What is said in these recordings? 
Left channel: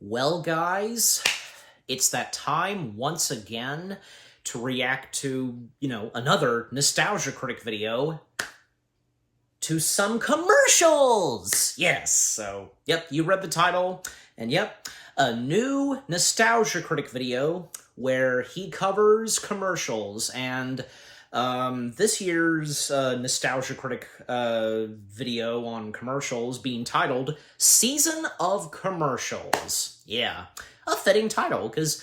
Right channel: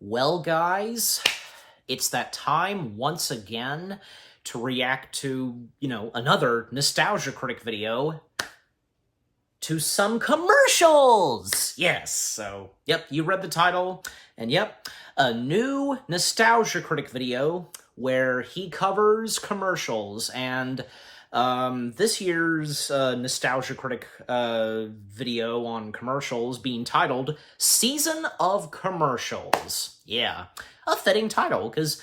Well, guys, it's that time once again to react to, another Nostalgia Critic video to some commercials. Yes, so, yep, you read the title, and yep, a new Nostalgia Critic video where he covers commercials, and this year's Nostalgia Critic video on commercials being titled Season of Commercials. Yeah, a fitting title, because,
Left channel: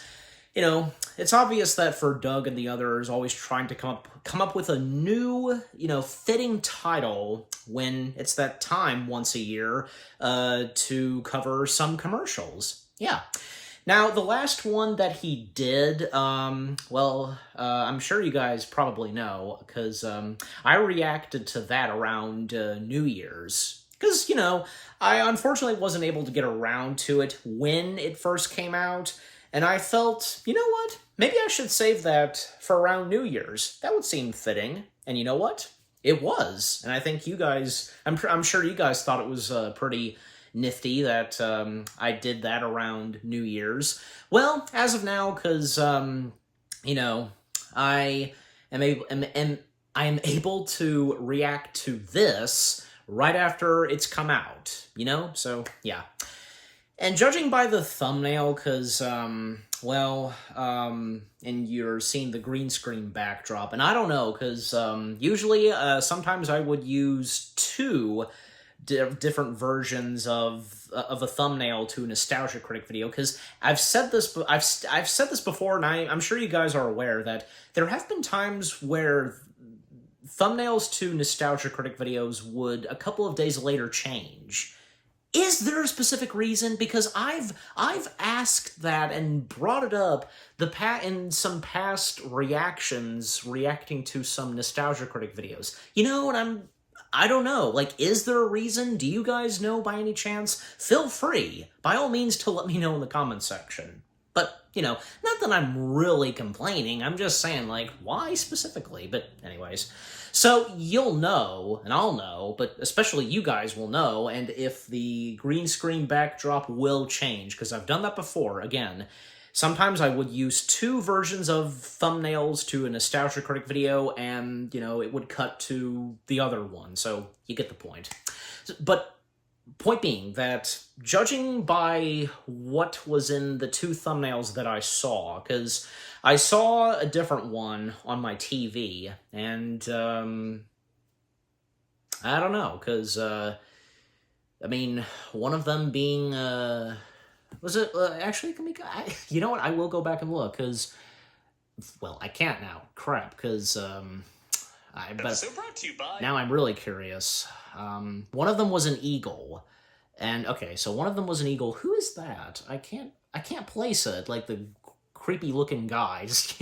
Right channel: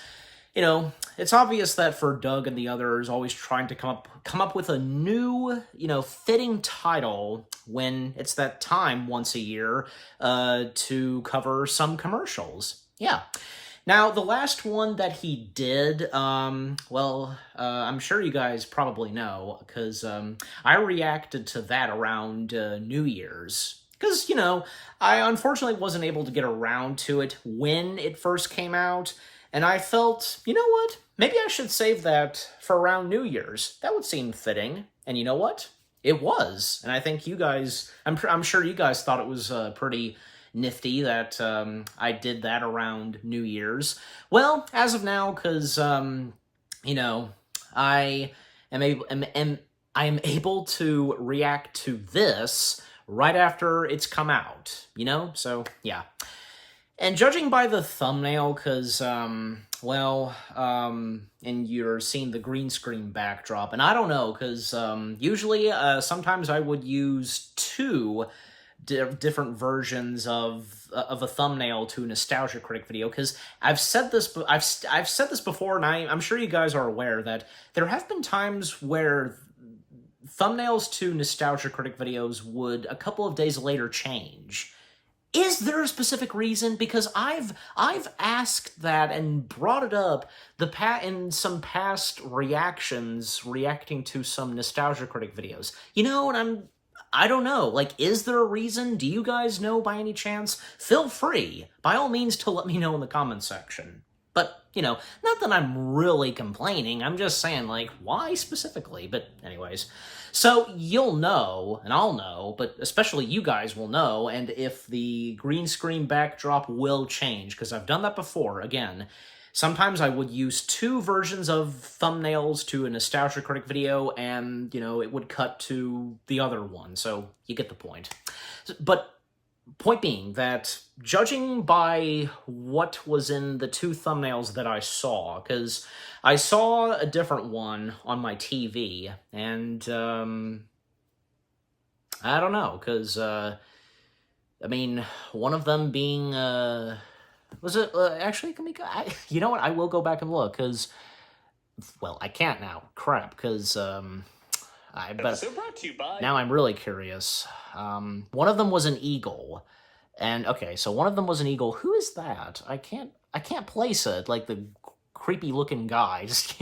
it's obvious that for Doug and the others always trying to come up with a new, fitting title when it's that time once a year to cover some commercials. Yeah. Now, the last one that he did, I'm sure you guys probably know, because I reacted to that around New Year's. Because, I unfortunately wasn't able to get around to it when it first came out, and I felt, you know what? Maybe I should save that for around New Year's. That would seem fitting. And you know what? It was. And I think you guys, I'm sure you guys thought it was pretty nifty that I did that around New Year's. Well, as of now, because I am able to react to this right after it's come out. So yeah. And judging by the thumbnail, because and you're seeing the green screen backdrop, and I don't know, because usually sometimes I would use two different versions of a thumbnail to a Nostalgia Critic video, because I've said this before, and I'm sure you guys are aware that there have been times where thumbnails to Nostalgia Critic videos would a couple of days later change. Is there a specific reason? Because I've asked that and brought it up in some past reacting to some Nostalgia Critic videos. And I don't know, is there a reason? Do you guys know by any chance? Feel free, by all means, to let me know in the comments section. But, not that I'm really complaining, I'm just saying, why specifically? But anyways, so you'll know, and I'll know, but especially you guys will know, and if the green screen backdrop will change, because I've done that before, again. Sometimes I would use two versions of thumbnails to a Nostalgia Critic video, and, it would cut to the other one, so you get the point. But point being that, judging by what was in the two thumbnails that I saw, because I saw a different one on my TV, and, I don't know, because, one of them being, was it, actually, you know what, I will go back and look, because, well, I can't now, crap, because, now I'm really curious. One of them was an eagle, and, okay, so one of them was an eagle. Who is that? I can't place it, the creepy-looking guys,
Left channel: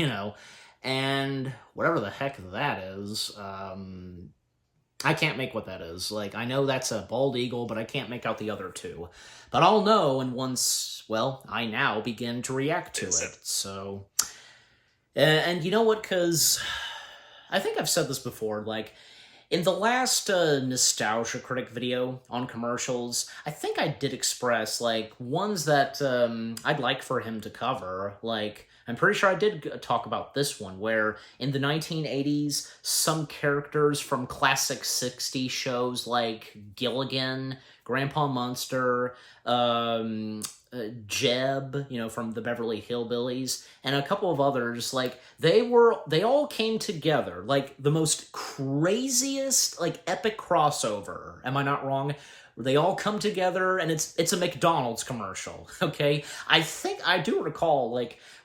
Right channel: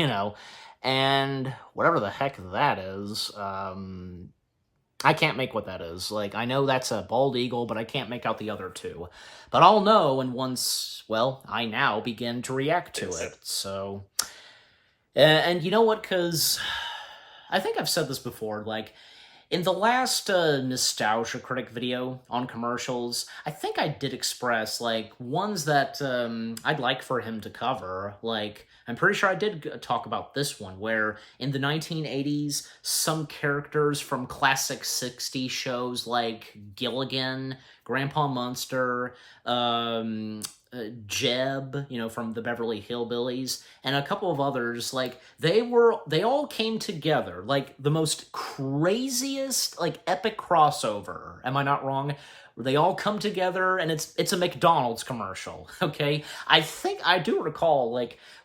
and whatever the heck that is, I can't make what that is. I know that's a bald eagle, but I can't make out the other two. But I'll know, and once, I now begin to react to it, so... And you know what, because I think I've said this before, in the last Nostalgia Critic video on commercials, I think I did express, ones that I'd like for him to cover. I'm pretty sure I did talk about this one, where in the 1980s, some characters from classic 60s shows like Gilligan, Grandpa Munster, Jeb, from the Beverly Hillbillies, and a couple of others, they all came together, the most craziest, epic crossover, am I not wrong? They all come together, and it's a McDonald's commercial, okay? I think I do recall,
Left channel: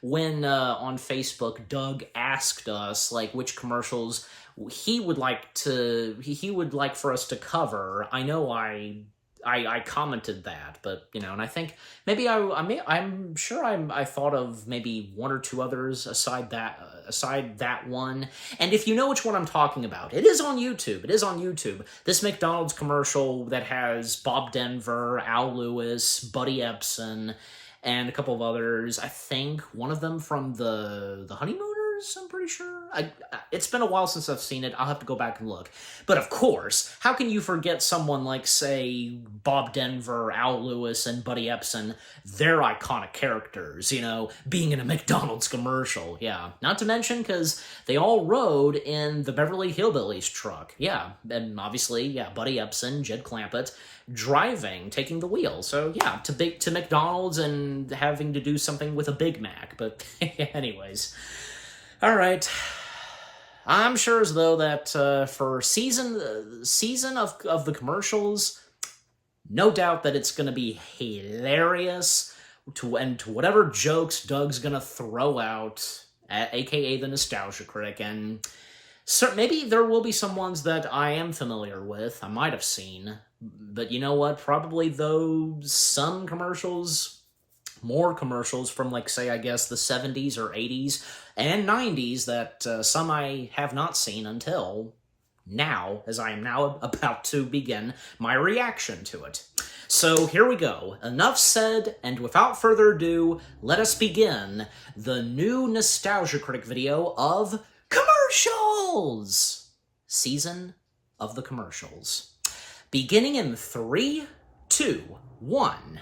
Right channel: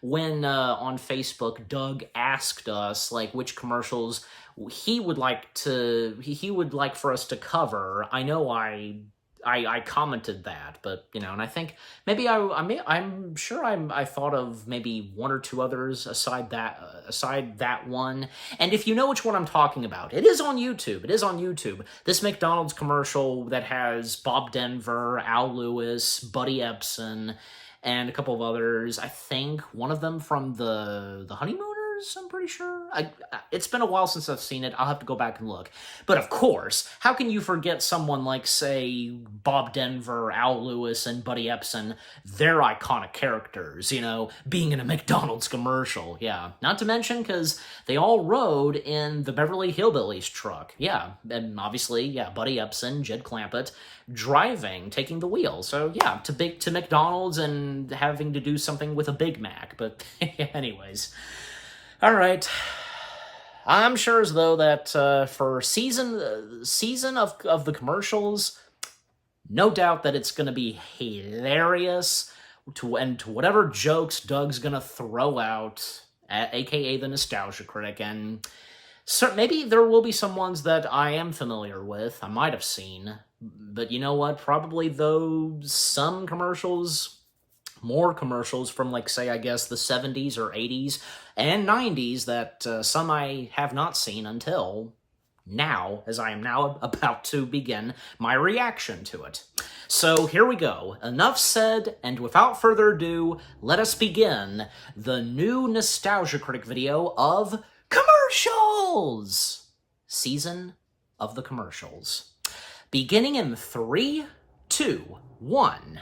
when on Facebook, Doug asked us, which commercials he would like for us to cover. I know I commented that, but, and I think maybe I'm sure I thought of maybe one or two others aside that one. And if you know which one I'm talking about, it is on YouTube. This McDonald's commercial that has Bob Denver, Al Lewis, Buddy Epson, and a couple of others. I think one of them from the Honeymooners? I'm pretty sure. It's been a while since I've seen it. I'll have to go back and look. But of course, how can you forget someone like, say, Bob Denver, Al Lewis, and Buddy Epson? They're iconic characters, you know, being in a McDonald's commercial. Yeah. Not to mention, because they all rode in the Beverly Hillbillies truck. Yeah. And obviously, yeah, Buddy Epson, Jed Clampett, driving, taking the wheel. So yeah, to McDonald's and having to do something with a Big Mac. But anyways, all right. I'm sure as though that for season of the commercials, no doubt that it's going to be hilarious to whatever jokes Doug's going to throw out, aka the Nostalgia Critic, and maybe there will be some ones that I am familiar with, I might have seen, but you know what, probably some commercials, more commercials from, like, say, I guess, the 70s or 80s and 90s that some I have not seen until now, as I am now about to begin my reaction to it. So here we go. Enough said, and without further ado, let us begin the new Nostalgia Critic video of commercials! Season of the commercials. Beginning in 3, 2, 1.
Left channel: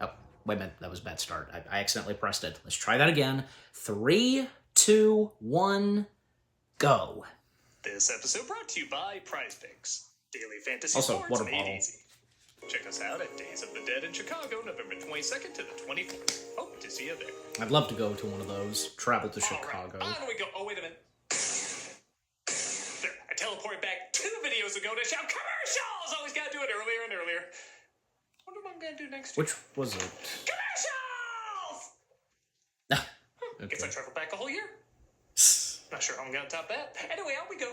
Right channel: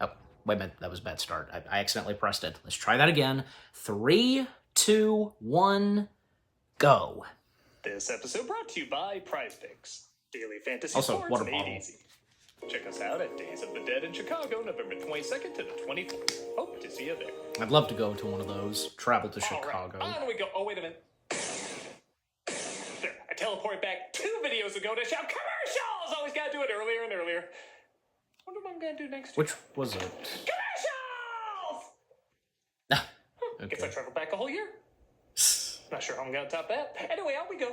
Oh, wait a minute, that was a bad start. I accidentally pressed it. Let's try that again. 3, 2, 1, go. This episode brought to you by Prize Picks. Daily fantasy Also, sports water made bottle. easy. Check us out at Days of the Dead in Chicago, November 22nd to the 24th. Hope to see you there. I'd love to go to one of those. Travel to Chicago. Right. On we go. Oh, wait a minute. There, I teleported back 2 videos ago to shout commercials! Always gotta do it earlier and earlier. Wonder what I'm gonna do next. Which was it? Commercials! Ah, Guess I okay. traveled back a whole year. Not sure how I'm gonna top that. Anyway, on we go.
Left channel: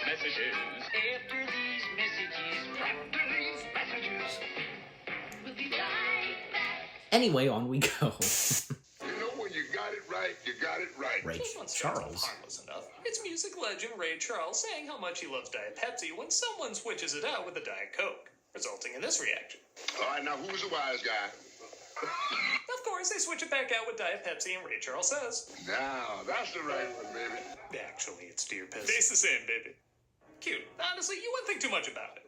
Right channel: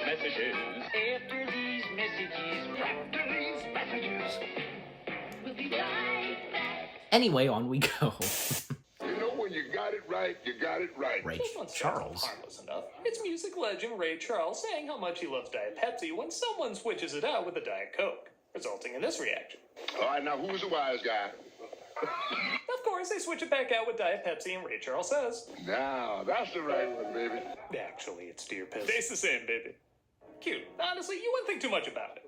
After these messages, we'll be right back. Anyway, on we go. You know, when you got it right, you got it right. Ray This one starts Charles. off harmless enough. It's music legend Ray Charles saying how much he loves Diet Pepsi when someone switches it out with a Diet Coke, resulting in this reaction. All right, now who's the wise guy? Of course, they switch it back out with Diet Pepsi, and Ray Charles says, Now, that's the right one, baby. actually, it's deer piss. Tastes the same, baby. Cute. Honestly, you wouldn't think too much about it.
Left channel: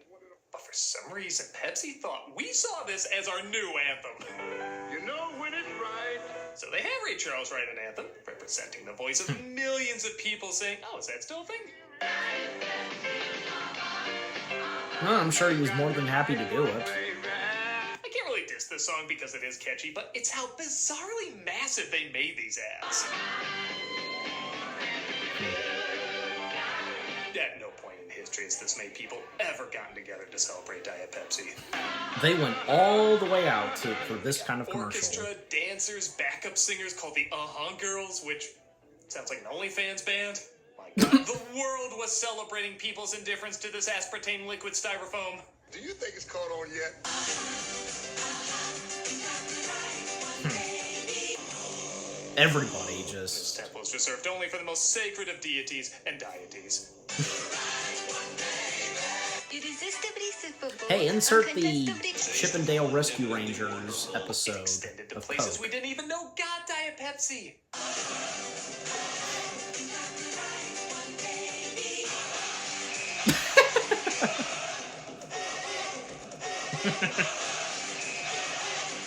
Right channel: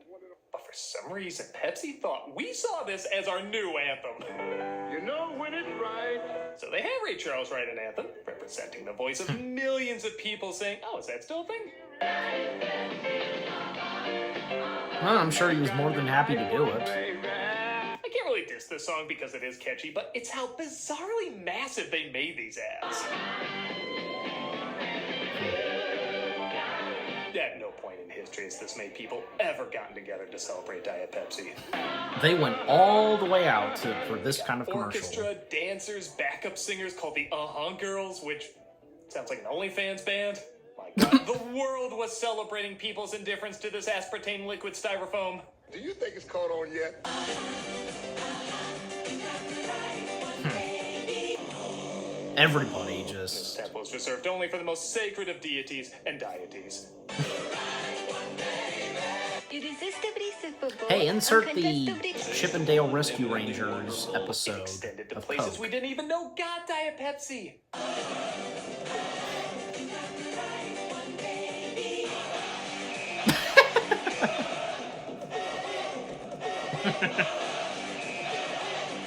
But for some reason, Pepsi thought we saw this as our new anthem. You know when it's right. So they have Ray Charles write an anthem, representing the voice of millions of people saying, oh, is that still a thing? Well, I'm sure he was more than happy to do it. I can't really diss this song because it is catchy, but it's how bizarrely massive they made these ads. At no point in history has this many people ever gotten together to celebrate Diet Pepsi. They went all the way out for this kind of commercial. Orchestra, dancers, backup singers called the Girls, which sounds like an OnlyFans band. My God, the world was celebrating people's indifference to this aspartame liquid styrofoam. Do you think it's caught on yet? Everybody This just... temple is reserved only for the most sacred of deities and deities. Hey, insert the Chip and Dale Rescue Rangers episode Extended to of places Coke. we didn't even know got Diet Pepsi.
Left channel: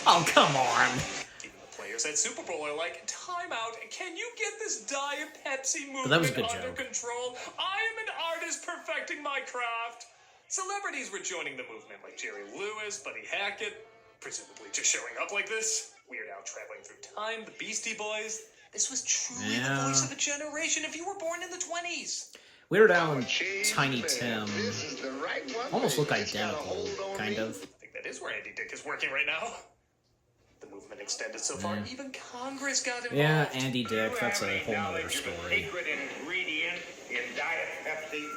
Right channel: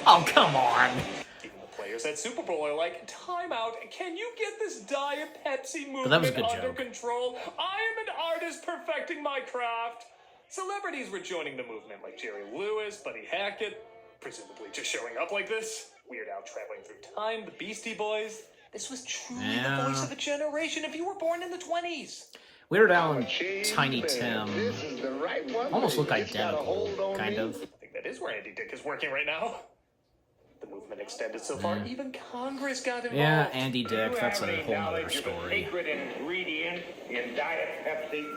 Oh, come on! Even the players at Super Bowl are like, time out, can you get this Diet Pepsi movement But that was a good under joke. control? I am an artist perfecting my craft. Celebrities were joining the movement like Jerry Lewis, Buddy Hackett, presumably just showing up like this. Weird Al traveling through time, the Beastie Boys. This was truly Yeah. the voice of a generation if you were born in the 20s. Weird Al and Tiny Tim This is the right one. almost look identical, kind of. I think that is where Andy Dick is working right now. The movement extended so far, even Congress got involved. Yeah, Andy Dick, that's a whole nother story. Secret ingredient in Diet Pepsi.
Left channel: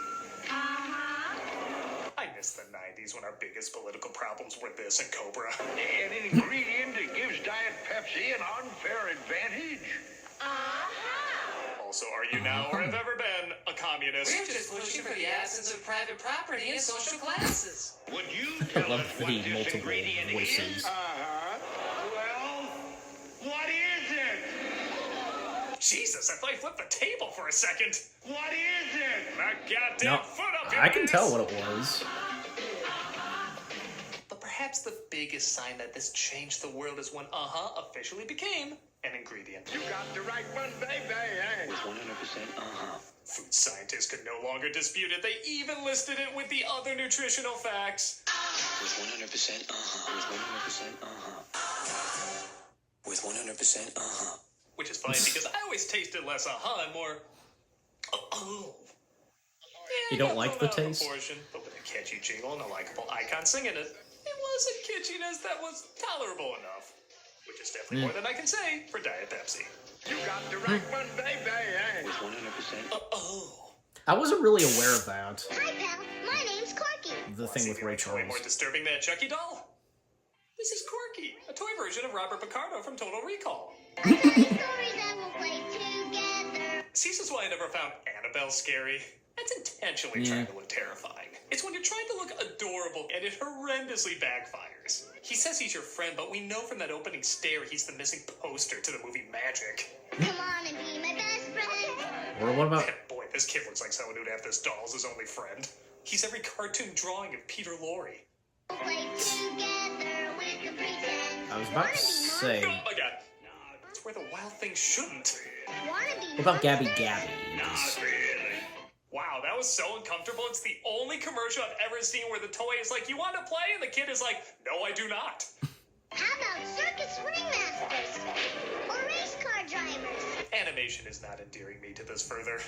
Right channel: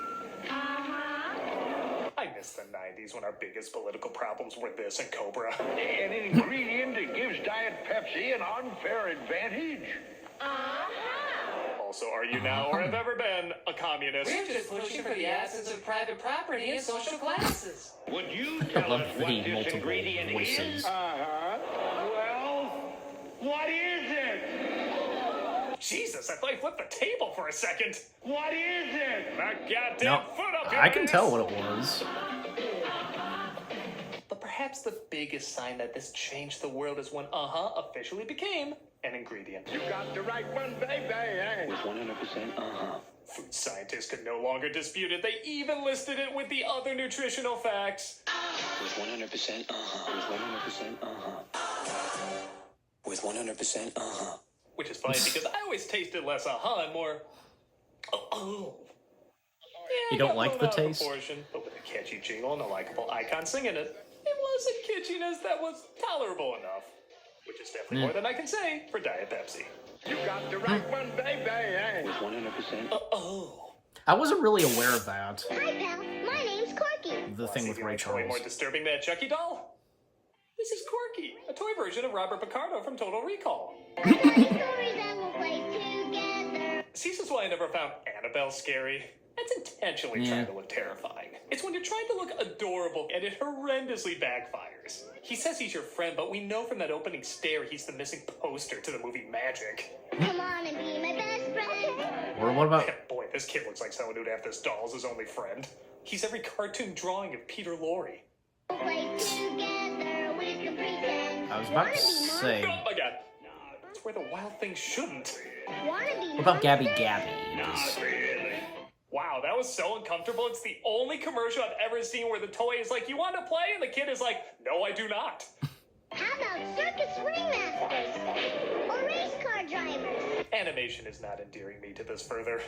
I miss the 90s when our biggest political problems were this and Cobra. An ingredient that gives Diet Pepsi an unfair advantage. Also, are you now or have ever been a communist? We're just pushing for the absence of private property and social classes. Would you I love the multiple voices. Well, what is Jesus, I thought I flipped the table for a second. What is it? A goddamn No, foot up your I can ass. tell what it was. But perhaps the biggest sign that this changed the world is when officially became an ingredient. You got the right one, baby. With 100% Food scientists could no longer dispute it. They even listed it with the other nutritional facts. With 100% With 100% With 100% Which is funny because I always tasted less and more You don't like the taste? proportion, but with a catchy jingle and a likable icon singing it, it was a kitschiness that was tolerable enough. Which is definitely more than I can say for Diet Pepsi. You got the right one, baby. With 100% I wasn't really aware of that. Hi, pal. My name's Corky. The thing with See, Ray it's way Charles. more disturbing than a Chucky doll. This is Corky, a toy version of Robert Picardo from Total Recall. Stories that we'll play together. See, this is why I never found Annabelle scary. That's intentionally trying to look terrifying. It's when you're trying to look adorable and it horrendously backfires. He says he's your friend, but we know from that opening stare he's the missing poster to the movie Magic. Come on and be my best friend. Or what about... Boy, this kid looks like someone who'd have this doll as his only friend. He's every cartoon drawing of Peter Lorre. We'll play together with the pretend. I was about to say... Oh my god. That's where the wild thing shouldn't. What about Gabby Gabby? Wow, that was so uncomfortable. It's the only commercial I've ever seen where the toy is like, you want to play? And the kid is like, no, I do not. How about circus ringmasters? Or race car drivers? Animation is not endearing me to this further.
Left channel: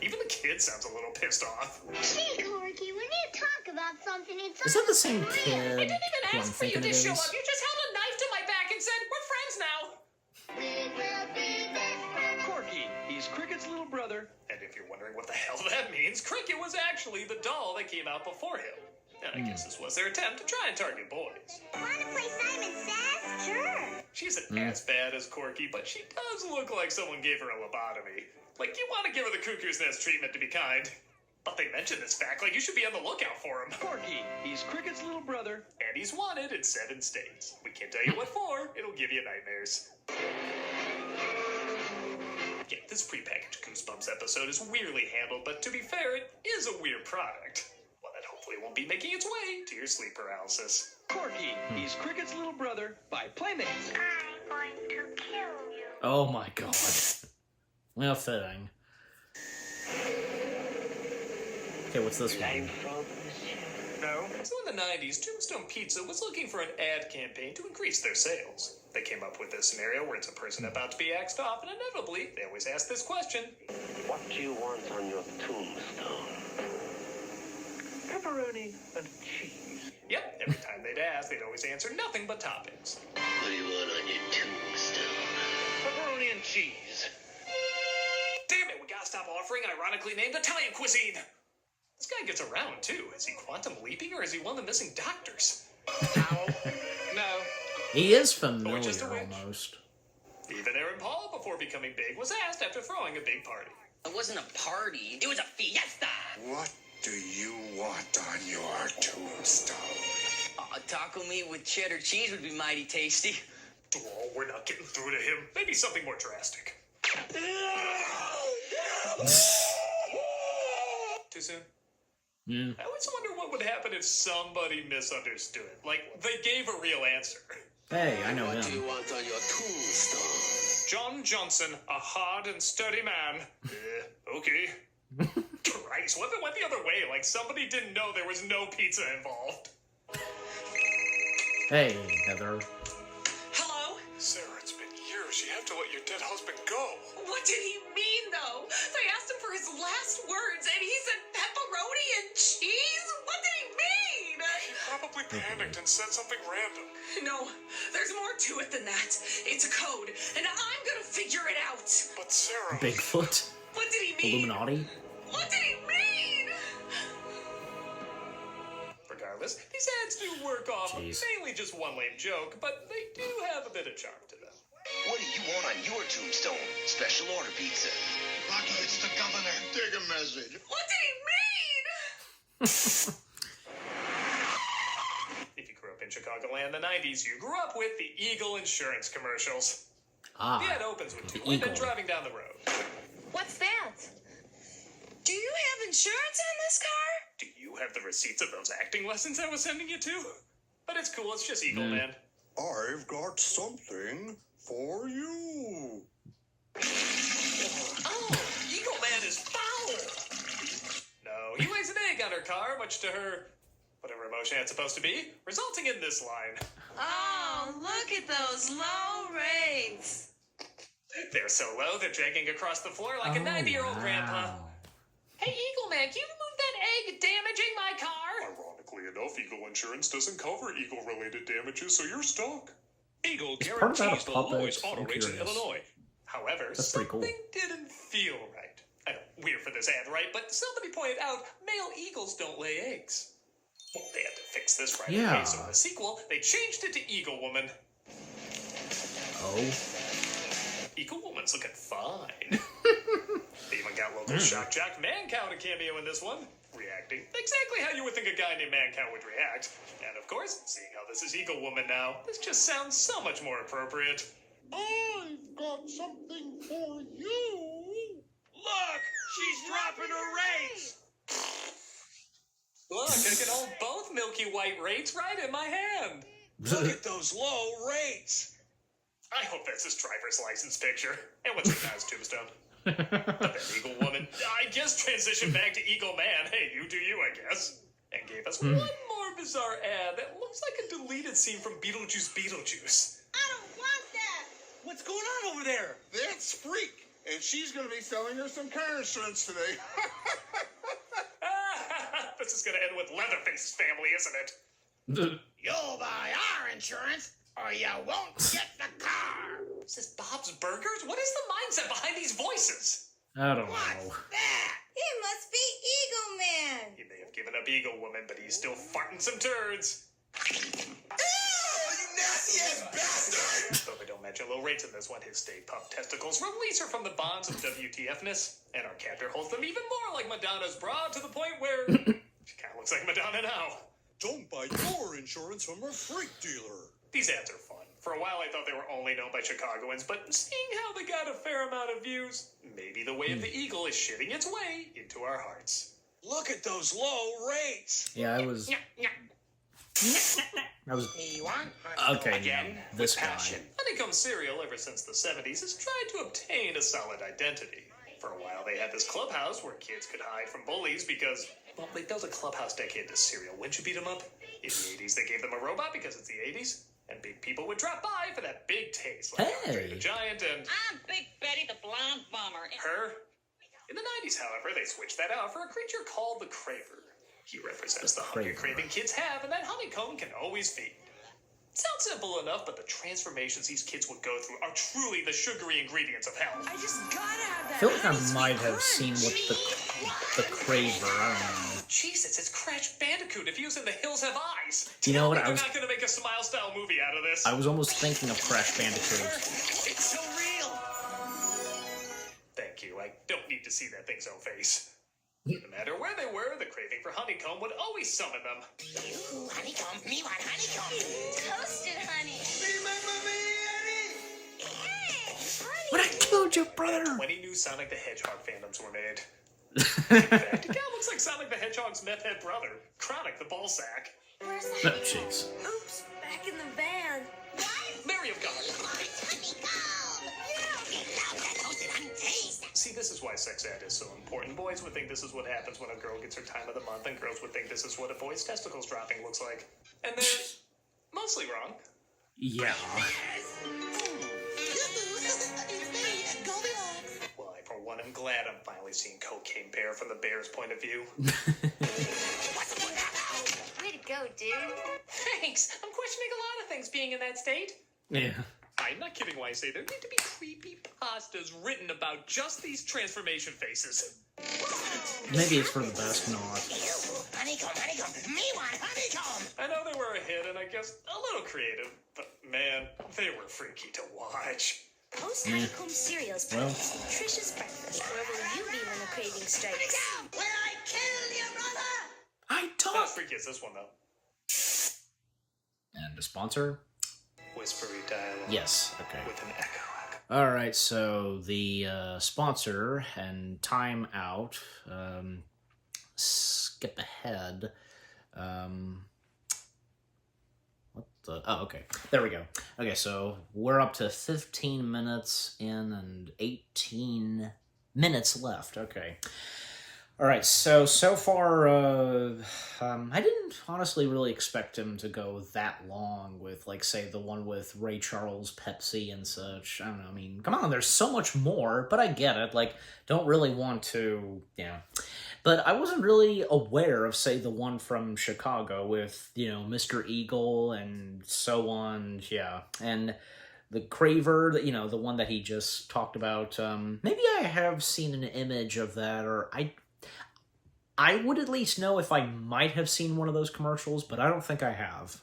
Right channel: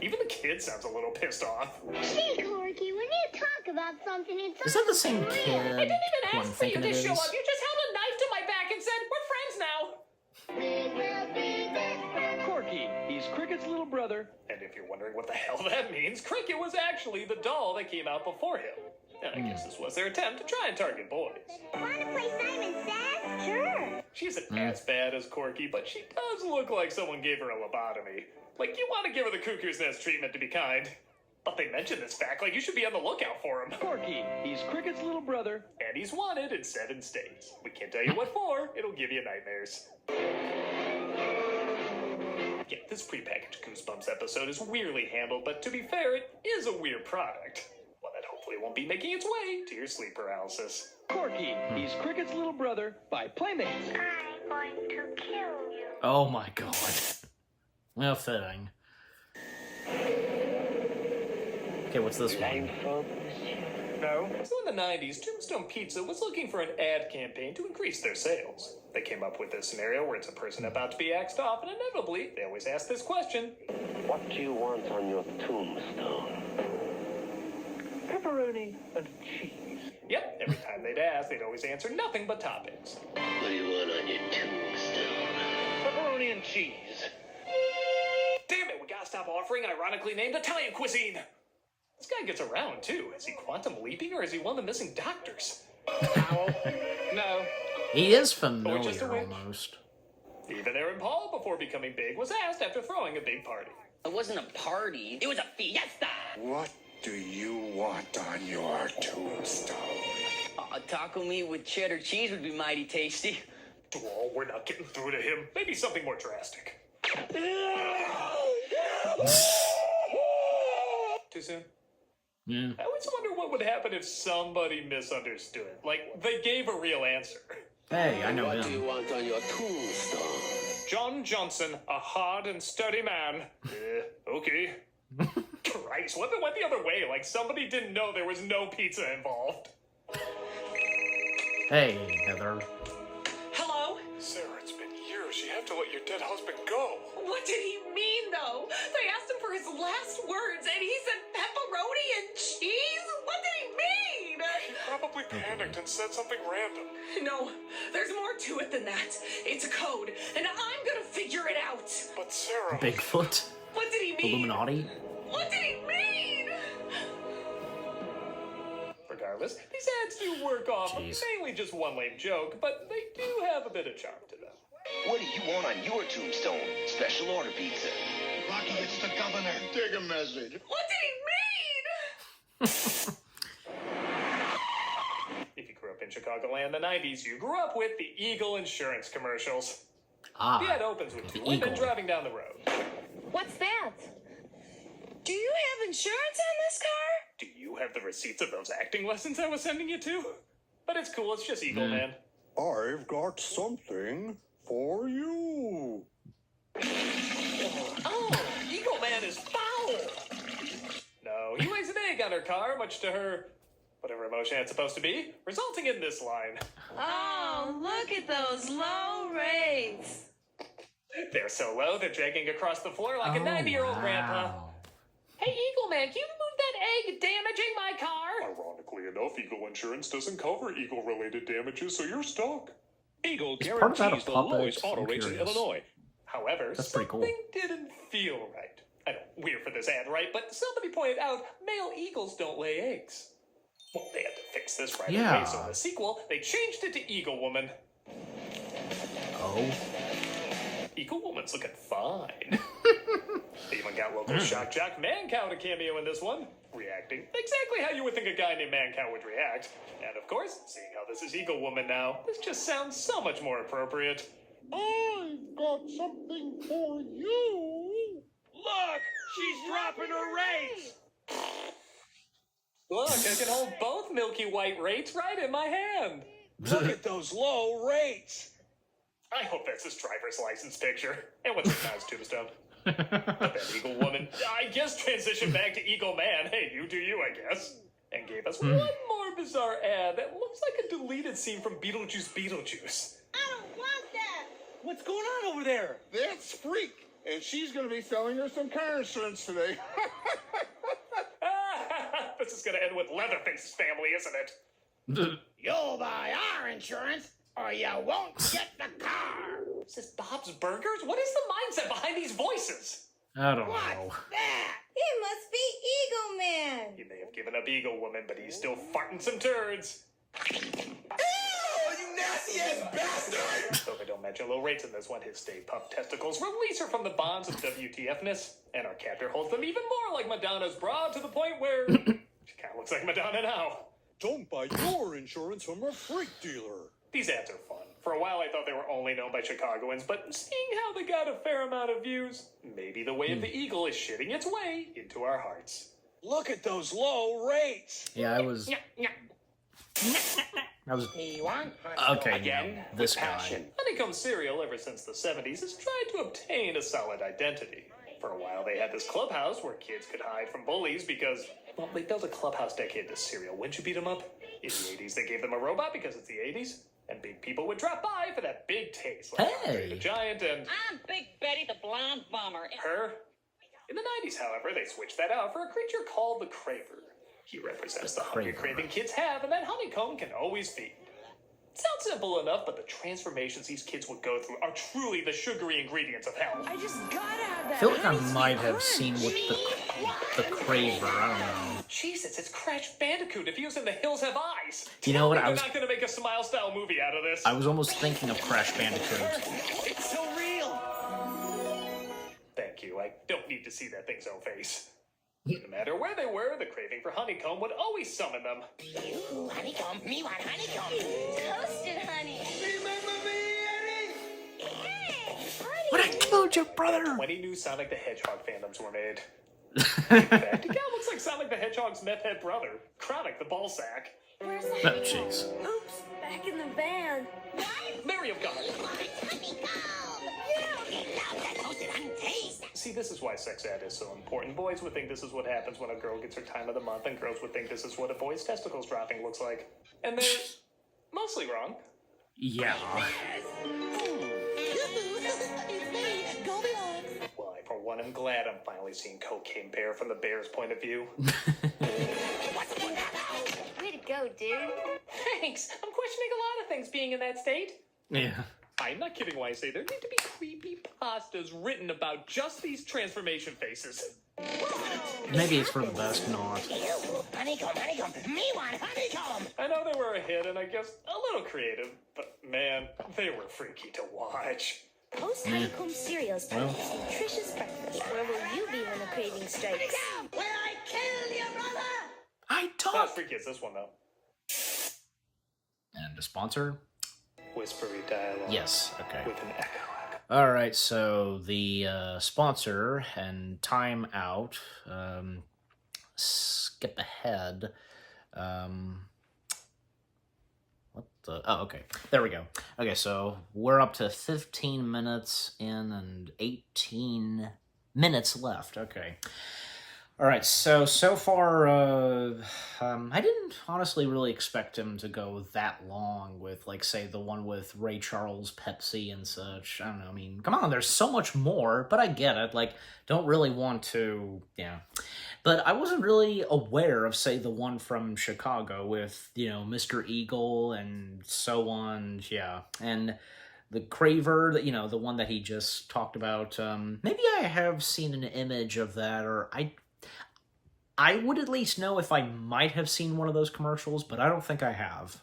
Even the kid sounds a little pissed off. Say, Corky, when you talk about something, it's Is that the same kid who I'm ask for you thinking to it show is? up. You just held a knife to my back and said, we're friends now. We will be best friends. Corky, he's Cricket's little brother. And if you're wondering what the hell that means, Cricket was actually the doll that came out before him. And I guess this was their attempt to try and target boys. Want to play Simon Says? Sure. She isn't as bad as Corky, but she does look like someone gave her a lobotomy. Like, you want to give her the cuckoo's nest treatment to be kind. But they mentioned this fact, like you should be on the lookout for him. Corky, he's Cricket's little brother. And he's wanted in 7 states. We can't tell you what for, it'll give you nightmares. Yeah, this prepackaged Goosebumps episode is weirdly handled, but to be fair, it is a weird product. One that hopefully won't be making its way to your sleep paralysis. Corky, he's Cricket's little brother by Playmates. I'm going to kill you. Oh my god. Well, fitting. Okay, what's this one? So in the 90s, Tombstone Pizza was looking for an ad campaign to increase their sales. They came up with this scenario where it's a person about to be axed off, and inevitably, they always ask this question. What do you want on your tombstone? Pepperoni and cheese. Yep, every time they'd ask, they'd always answer nothing but toppings. What do you want on your tombstone? Pepperoni and cheese. Damn it, we gotta stop offering ironically named Italian cuisine. This guy gets around, too. Is he quantum leaping, or is he one of the missing doctors? No. He is Just a familiar, witch. almost. Even Aaron Paul, before becoming big, was asked after throwing a big party. It wasn't a party. It was a fiesta. What do you want on your tombstone? A taco meat with cheddar cheese would be mighty tasty. Oh, we're not getting through to him. Maybe something more drastic. Too soon? Yeah. I always wonder what would happen if somebody misunderstood. Like, they gave a real answer. Hey, I know What do you him. want on your tombstone? John Johnson, a hard and sturdy man. Okay. Christ, what if it went the other way? Like, somebody didn't know there was no pizza involved. Hey, Heather. Hello? Sarah, it's been years. You have to let your dead husband go. What did he mean, though? They asked him for his last words, and he said pepperoni and cheese? What did he mean? He probably panicked and said something random. No, there's more to it than that. It's a code, and I'm gonna figure it out. But Sarah... Bigfoot? What did he mean? Illuminati? What did he mean? Regardless, these ads do work off of Jeez. mainly just one lame joke, but they do have a bit of charm to them. What do you want on your tombstone? Special order pizza. Rocky, it's the governor. Take a message. What did he mean? If you grew up in Chicagoland in the 90s, you grew up with the Eagle Insurance commercials. Ah, The ad opens with the two women eagle. driving down the road. What's that? Do you have insurance on this car? Do you have the receipts of those acting lessons I was sending you to? But it's cool, it's just Eagle Man. I've got something for you. Oh, Eagle Man is foul! No, he lays an egg on her car, much to her whatever emotion it's supposed to be, resulting in this line. Oh, look at those low rates. They're so low, they're dragging across the floor like a 90-year-old grandpa. Hey, Eagle Man, can you move that egg damaging my car? Ironically enough, Eagle Insurance doesn't cover Eagle-related damages, so you're stuck. Eagle Is part of that a guarantees the puppet? lowest auto I'm rates in curious. Illinois. However, That's pretty cool. something didn't feel right. I know, weird for this ad, right? But somebody pointed out male eagles don't lay eggs. Well, they had to fix this right Yeah. away, so in the sequel, they changed it to Eagle Woman. Oh. Eagle Woman's looking fine. They even got local shock jock Mancow to cameo in this one, reacting exactly how you would think a guy named Mancow would react. And of course, seeing how this is Eagle Woman now, this just sounds so much more appropriate. I've got something for you. Look, she's dropping her rates. Look, I can hold both milky white rates right in my hand. Look at those low rates. I hope that's his driver's license picture. And what's it now's Tombstone? But that Eagle Woman, I guess, transitioned back to Eagle Man. Hey, you do you, I guess. And gave us one more bizarre ad that looks like a deleted scene from Beetlejuice. I don't want that. What's going on over there? That's Freak, and she's going to be selling her some car insurance today. This is going to end with Leatherface's family, isn't it? You'll buy our insurance, or you won't get the car. Is this Bob's Burgers? What is the mindset behind these voices? I don't know. He must be Eagle Man. He may have given up Eagle Woman, but he's still farting some turds. You nasty ass bastard! Though we don't mention low rates in this one, his Stay Puft testicles release her from the bonds of WTF-ness, and our captor holds them even more like Madonna's bra to the point where she kind of looks like Madonna now. Don't buy your insurance from a freak dealer. These ads are fun. For a while, I thought they were only known by Chicagoans, but seeing how they got a fair amount of views, maybe the way of the eagle is shitting its way into our hearts. Look at those low rates. Yeah, I was. He won. Okay, now this guy. Honeycomb cereal, ever since the 70s, has tried to obtain a solid identity. For a while, they had this clubhouse where kids could hide from bullies because, well, they built a clubhouse dedicated to cereal. Wouldn't you beat them up? In the 80s, they gave them a robot because it's the 80s. And big people would drop by for that big taste. Like Andre the Giant and I'm Big Betty the Blonde Bomber. her. In the 90s, however, they switched that out for a creature called the Craver. He represents the hunger Craver. craving kids have, and that Honeycomb can always feed. Sounds simple enough, but the transformations these kids will go through are truly the sugary ingredients of hell. I just gotta have that. I feel like I ice might cream have seen what the Craver. I don't know. Jesus, it's Crash Bandicoot if using The Hills Have Eyes. You know what? We're I was not going to make a Smile-style movie out of this. I was almost thinking of Crash Bandicoot. It's so real. Thank you. I don't need to see that thing's own face. No matter where they were, the craving for Honeycomb would always summon them. Ooh, honeycomb. Me want honeycomb. Toasted honey. What I killed your brother! 20 new Sonic the Hedgehog fandoms were made. In fact, it kind of looks like Sonic the Hedgehog's meth head brother, Chronic the Ballsack. Where's the Oh, honey? jeez. Oops, back in the van. Mary of God. See, this is why sex ed is so important. Boys would think this is what happens when a girl gets her time of the month, and girls would think this is what a boy's testicles dropping looks like. And they're mostly wrong. Yeah. Well, I, for one, am glad I'm finally seeing Cocaine Bear from the bear's point of view. Way to go, dude. Thanks. I'm questioning a lot of things being in that state. Yeah. I'm not kidding when I say there need to be creepy pastas written about just these transformation faces. Maybe it's for the best not. Honeycomb, honeycomb. Me want honeycomm. I know they were a hit and I guess a little creative, but man, they were freaky to watch. Post Honeycomb cereals Well. produce nutritious breakfast. Where will you be when the craving strikes? Will I kill you, brother? I Not talk. freaky as this one though. And a sponsor? Whispery dialogue. Yes. Okay. With an echo. All right, so the sponsor and time out. Skip ahead. What the? Oh, okay. There we go. Okay, so we're up to 15 minutes in and 18 minutes left. Okay. All right, so far, I didn't honestly really expect him to go that long with, like, say, the one with Ray Charles, Pepsi, and such. I don't know, I mean, come on, there's so much more, but I get it. Like, don't really want to, yeah. But I wasn't really aware of, say, the one from Chicago with, Mr. Eagle and so on, yeah. And the Craver, the one that he just talked about, maybe I have seen an image of that, or I would at least know if I might have seen one of those commercials, but I don't think I have.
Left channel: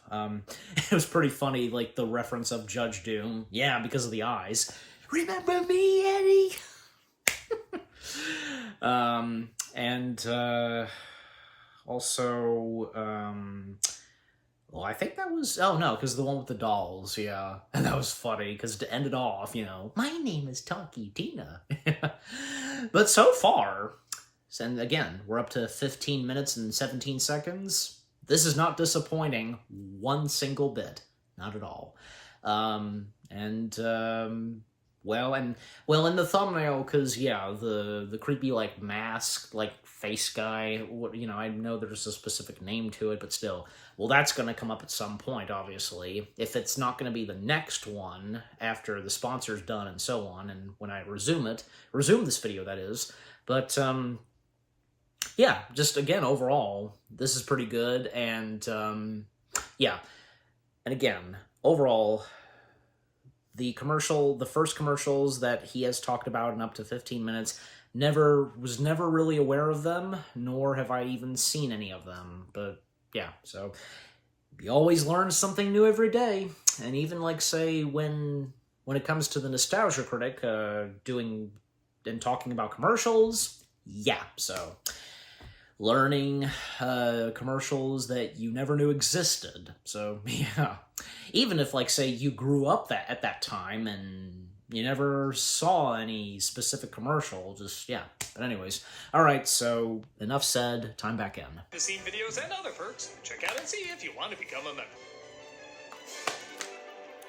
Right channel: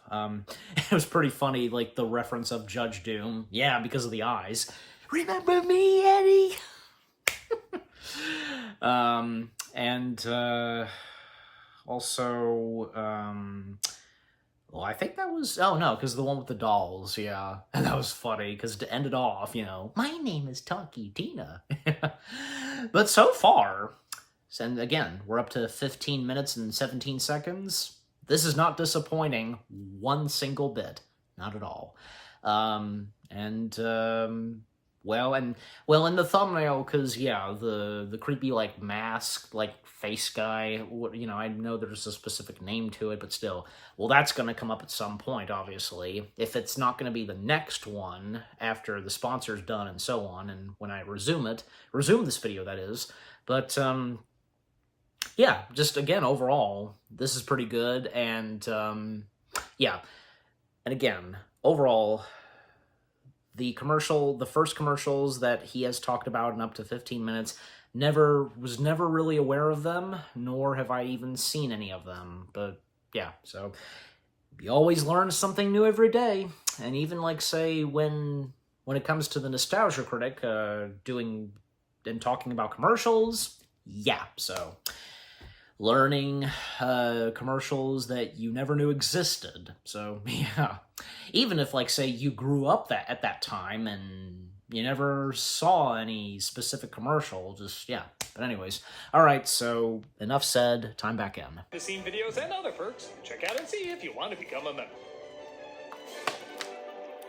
It was pretty funny, like the reference of Judge Doom. Yeah, because of the eyes. Remember me, Eddie? Also, well, I think that was, oh no, because the one with the dolls, yeah. And that was funny, because to end it off, my name is Tonky Tina. But so far, and again, we're up to 15 minutes and 17 seconds. This is not disappointing one single bit. Not at all. Well, in the thumbnail, because, yeah, the creepy, like, mask, like, face guy, I know there's a specific name to it, but still. Well, that's going to come up at some point, obviously. If it's not going to be the next one, after the sponsor's done and so on, and when I resume this video, that is. But, yeah, just, again, overall, this is pretty good, and, yeah. And again, overall, the first commercials that he has talked about in up to 15 minutes, was never really aware of them, nor have I even seen any of them, but, yeah, so, you always learn something new every day, and even, like, say, when it comes to the Nostalgia Critic, doing and talking about commercials, yeah, so learning commercials that you never knew existed. So, yeah. Even if, like, say, you grew up at that time and you never saw any specific commercial, just, yeah. But anyways, alright, so enough said, time back in. The scene videos and other perks. Check out and see if you want to become a member.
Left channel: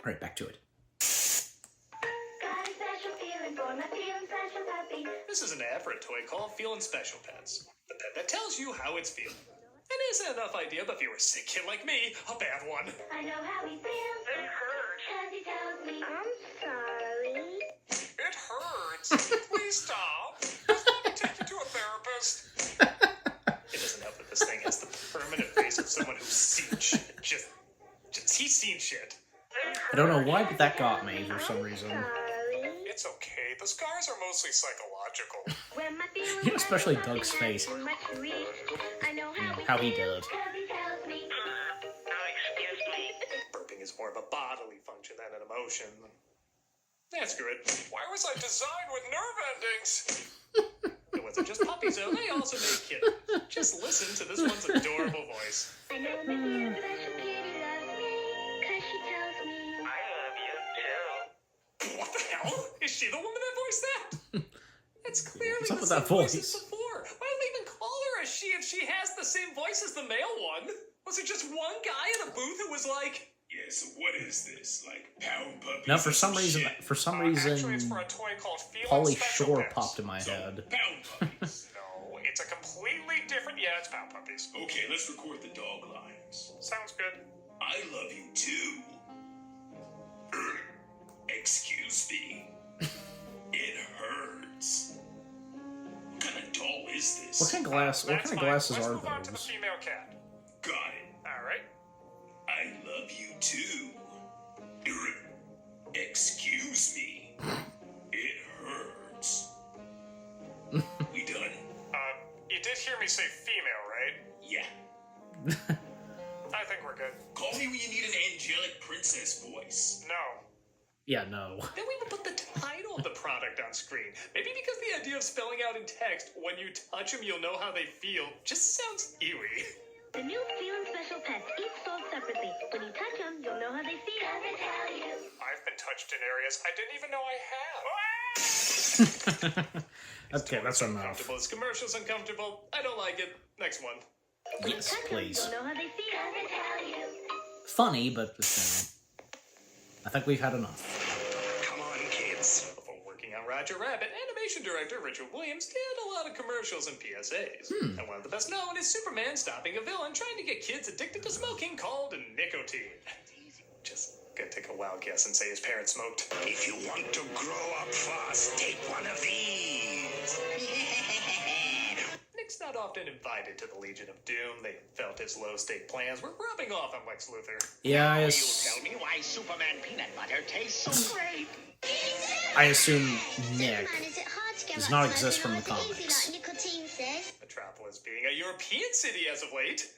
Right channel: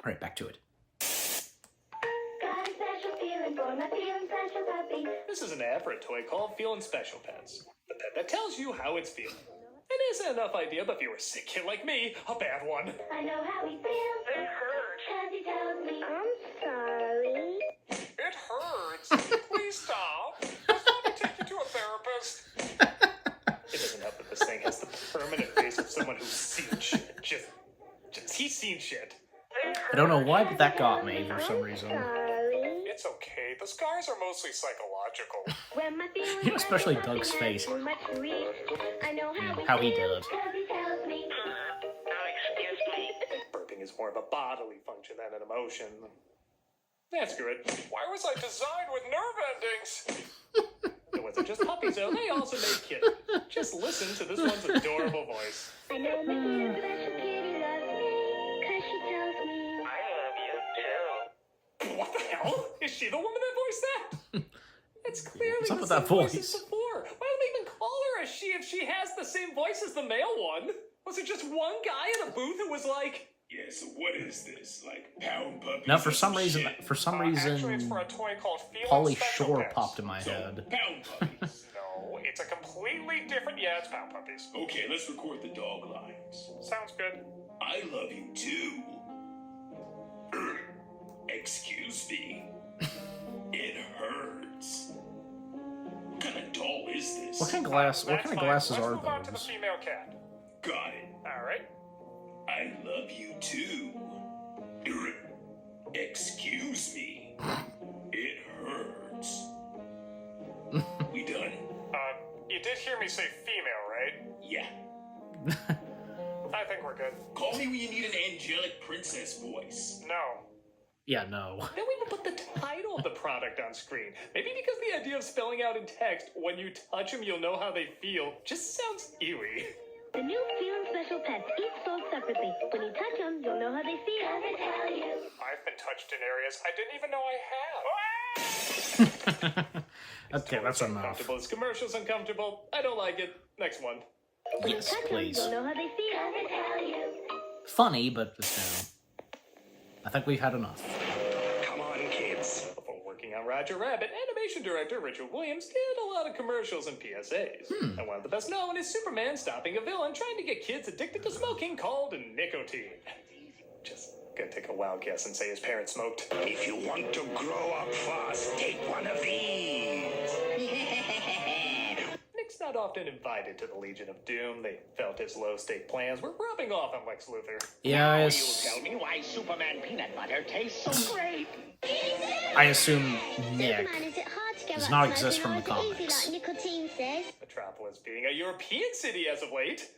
Alright, back to it. This is an ad for a toy called Feelin' Special Pets. The pet that tells you how it's feeling. It isn't enough idea, but if you're a sick kid like me, a bad one. I know how he feels. It hurts. Cause he tells me I'm sorry. It hurts. Please stop. Just let me take you to a therapist. It isn't enough that this thing has the permanent face of someone who's seen shit. He's seen shit. I don't know why, but that got me for some reason. It's okay. The scars are mostly psychological. Especially Doug's face. How he did it. Burping is more of a bodily function than an emotion. That's good. Why was I designed with nerve endings? It wasn't just puppies, though. They also made kittens. Just listen to this one's adorable voice. I know Mickey is a special kitty loves me. Cause she tells me I love you too. What the hell? Is she the woman that voiced that? It's clearly What's up the with same that voice? as before. Why do they even call her a she if she has the same voice as the male one? Was it just one guy in a booth who was like, Yeah, so what is this? Like pound puppies? Now, for some Shit. actually it's for a toy called Feelin' Pauly Special Shore Pets. popped in my head. Pound puppies. No, it's a completely different, yeah, it's pound puppies. Okay, let's record the dog lines. Sounds good. I love you too. Excuse me. It hurts. What kind of doll is this? What kind of glasses Let's are move on to the those? female cat. Got it. Alright. I love you too. Excuse me. It hurts. We done? You did hear me say female, right? Yeah. I think we're good. Call me when you need an angelic princess voice. No. Yeah, no. Then we would put the title of the product on screen. Maybe because the idea of spelling out in text, when you touch them, you'll know how they feel, just sounds eerie. the new Feelin' Special Pets, each sold separately. When you touch them, you'll know how they feel. I've been touched in areas I didn't even know I had. Okay, that's enough. Uncomfortable. This commercial's uncomfortable. I don't like it. Next one. Yes, please. Don't know how they feel. Funny, but I think we've had enough. Come on, kids. Before working on Roger Rabbit, animation director Richard Williams did a lot of commercials and PSAs. And one of the best known is Superman stopping a villain trying to get kids addicted to smoking called nicotine. Just gonna take a wild guess and say his parents smoked. If you want to grow up fast, take one of these. Nick's not often invited to the Legion of Doom. They felt his low-stake plans were rubbing off on Lex Luthor. Yeah, Tell me why Superman peanut butter tastes so great. I assume Nick does not exist from the comics. Metropolis being a European city as of late.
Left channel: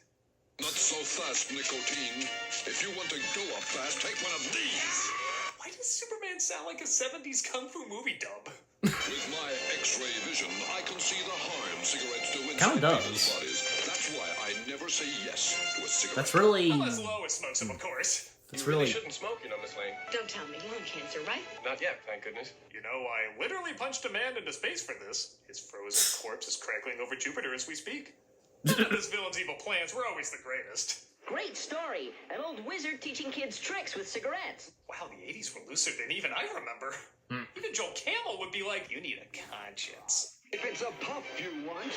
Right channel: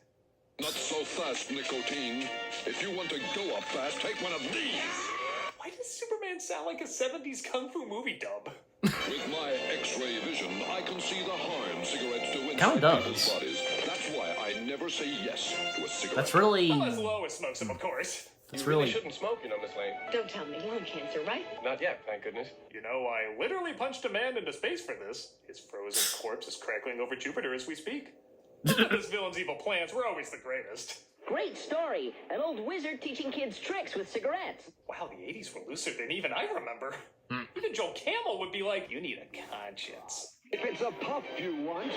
Not so fast, nicotine. If you want to go up fast, take one of these. Why does Superman sound like a 70s kung fu movie dub? With my X-ray vision, I can see the harm cigarettes do in Kinda does. bodies. That's why I never say yes to a cigarette. That's really. As Lois smokes them, of course. That's really. Shouldn't smoke, you know, Miss Lane. Don't tell me lung cancer, right? Not yet, thank goodness. You know, I literally punched a man into space for this. His frozen corpse is crackling over Jupiter as we speak. This villain's evil plans were always the greatest. Great story. An old wizard teaching kids tricks with cigarettes. Wow, the 80s were looser than even I remember. Even Joel Camel would be like, you need a conscience. If it's a puff you want.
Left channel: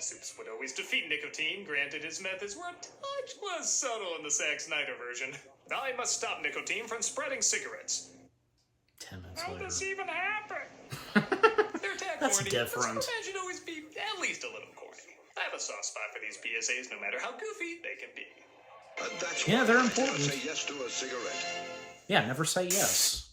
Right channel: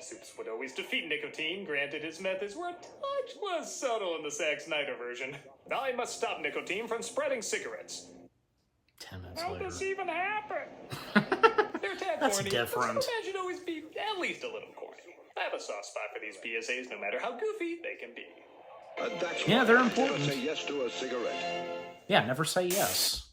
Suits would always defeat nicotine. Granted, his methods were a touch more subtle in the Zack Snyder version. I must stop nicotine from spreading cigarettes. 10 minutes How later. does this even happen? Their attack That's corny, different. but some should always be at least a little corny. I have a soft spot for these PSAs, no matter how goofy they can be. Yeah, they're important. Say yes to a cigarette. Yeah, never say yes.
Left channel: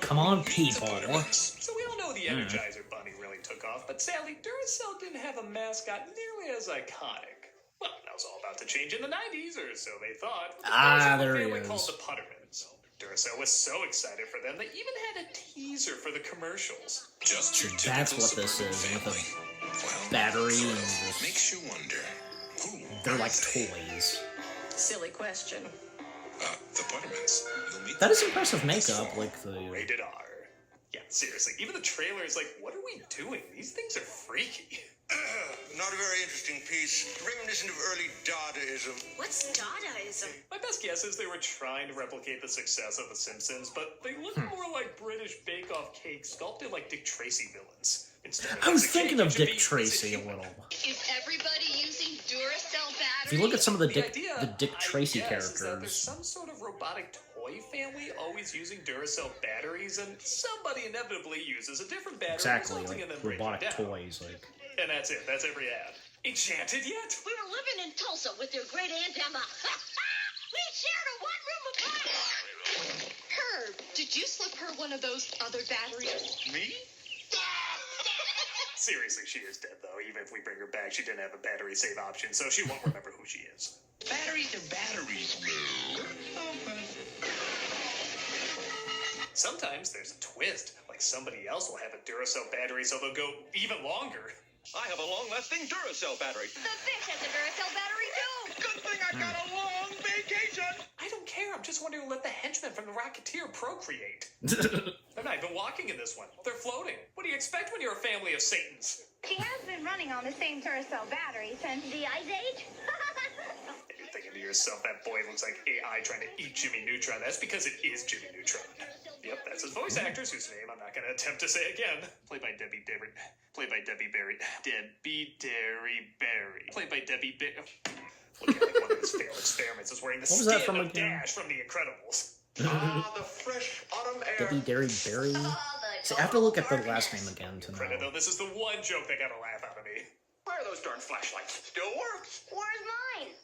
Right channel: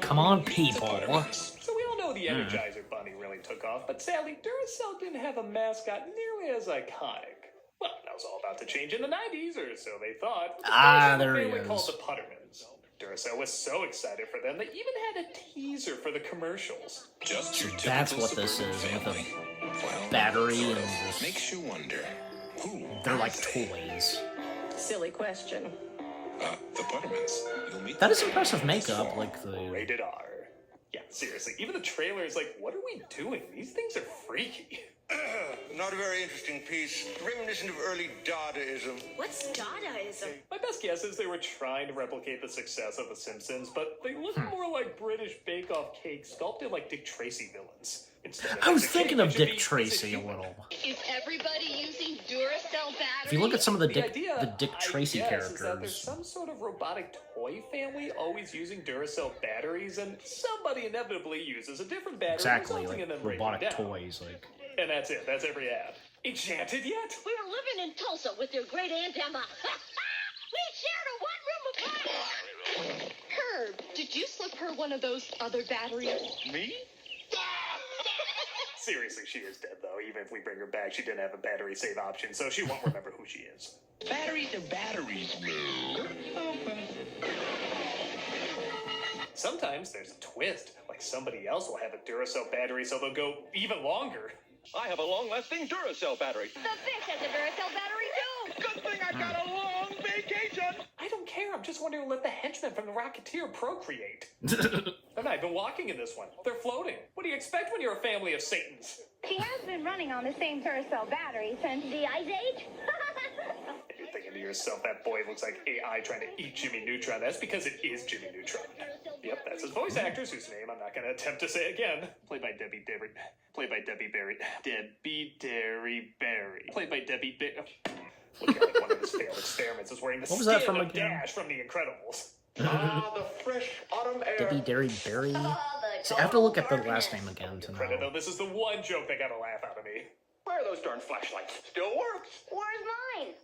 Come on, people. So we all know the Energizer Bunny really took off, but sadly, Duracell didn't have a mascot nearly as iconic. Well, that was all about to change in the 90s, or so they thought. There he They were called is. the Puttermans. Duracell was so excited for them, they even had a teaser for the commercials. Just your That's what this is, with a battery and just, makes you wonder. they're like toys. Silly question. The Buttermans. You'll meet That is impressive makeup, like the. Rated R. Yeah, seriously, even the trailer is like, what are we doing? These things are freaky. Not a very interesting piece. Reminiscent of early Dadaism. What's Dadaism? My best guess is they were trying to replicate the success of The Simpsons, but they look more like British Bake Off cake sculpted like Dick Tracy villains. Instead of I was basic thinking cake, of it should Dick be- Tracy a little. Is everybody using Duracell batteries? If you look at some of the Dick idea, Tracy I guess, is that there's characters, some sort of robotic toy family always using Duracell batteries, and somebody inevitably uses a different battery. exactly, resulting like in them breaking robotic down. toys, like. And that's it. That's every ad. Enchanted yet? We were living in Tulsa with your great Aunt Emma. We shared a one-room apartment. Herb, did you slip her one of those other batteries? Me? Seriously, she is dead, though. Even if we bring her back, she didn't have a battery save option, so she won't remember who she is. Batteries are batteries, Lou. Sometimes there's a twist, like somebody else will have a Duracell battery, so they'll go even longer. I have a long-lasting Duracell battery. The fish has a Duracell battery too. Good thing I got a long vacation. I don't care, I'm just wondering let the henchmen from the Rocketeer procreate. I'm not even walking in this one. They're floating. What do you expect when you're a family of Satans? She has been running on the same Duracell battery since the Ice Age. You're thinking to yourself, that boy looks like AI trying to eat Jimmy Neutron. That's because it is Jimmy Neutron. Yep, that's his voice actress, whose name I'm not going to attempt to say again. Played by Debbie Berry. Played by Debbie Berry. Debbie Derry Berry. Played by Debbie Berry. Look at one of his failed experiments is wearing the What was that skin from of again? Dash from The Incredibles. The fresh autumn air. Debbie Derry Berry. See, I have to look at the last name again to know. No, this is the one joke that got a laugh out of me. Where are those darn flashlights? Still works. Where's mine?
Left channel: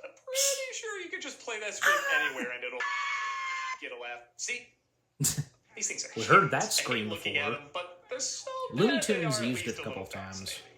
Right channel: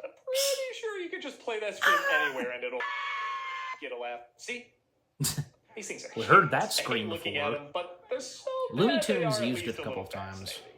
I'm pretty sure you could just play that scream anywhere and it'll get a laugh. See? These things are We heard that huge. I hate scream looking before. at them, but they're so Looney bad they Tunes are at used least it a couple little of times. fascinating.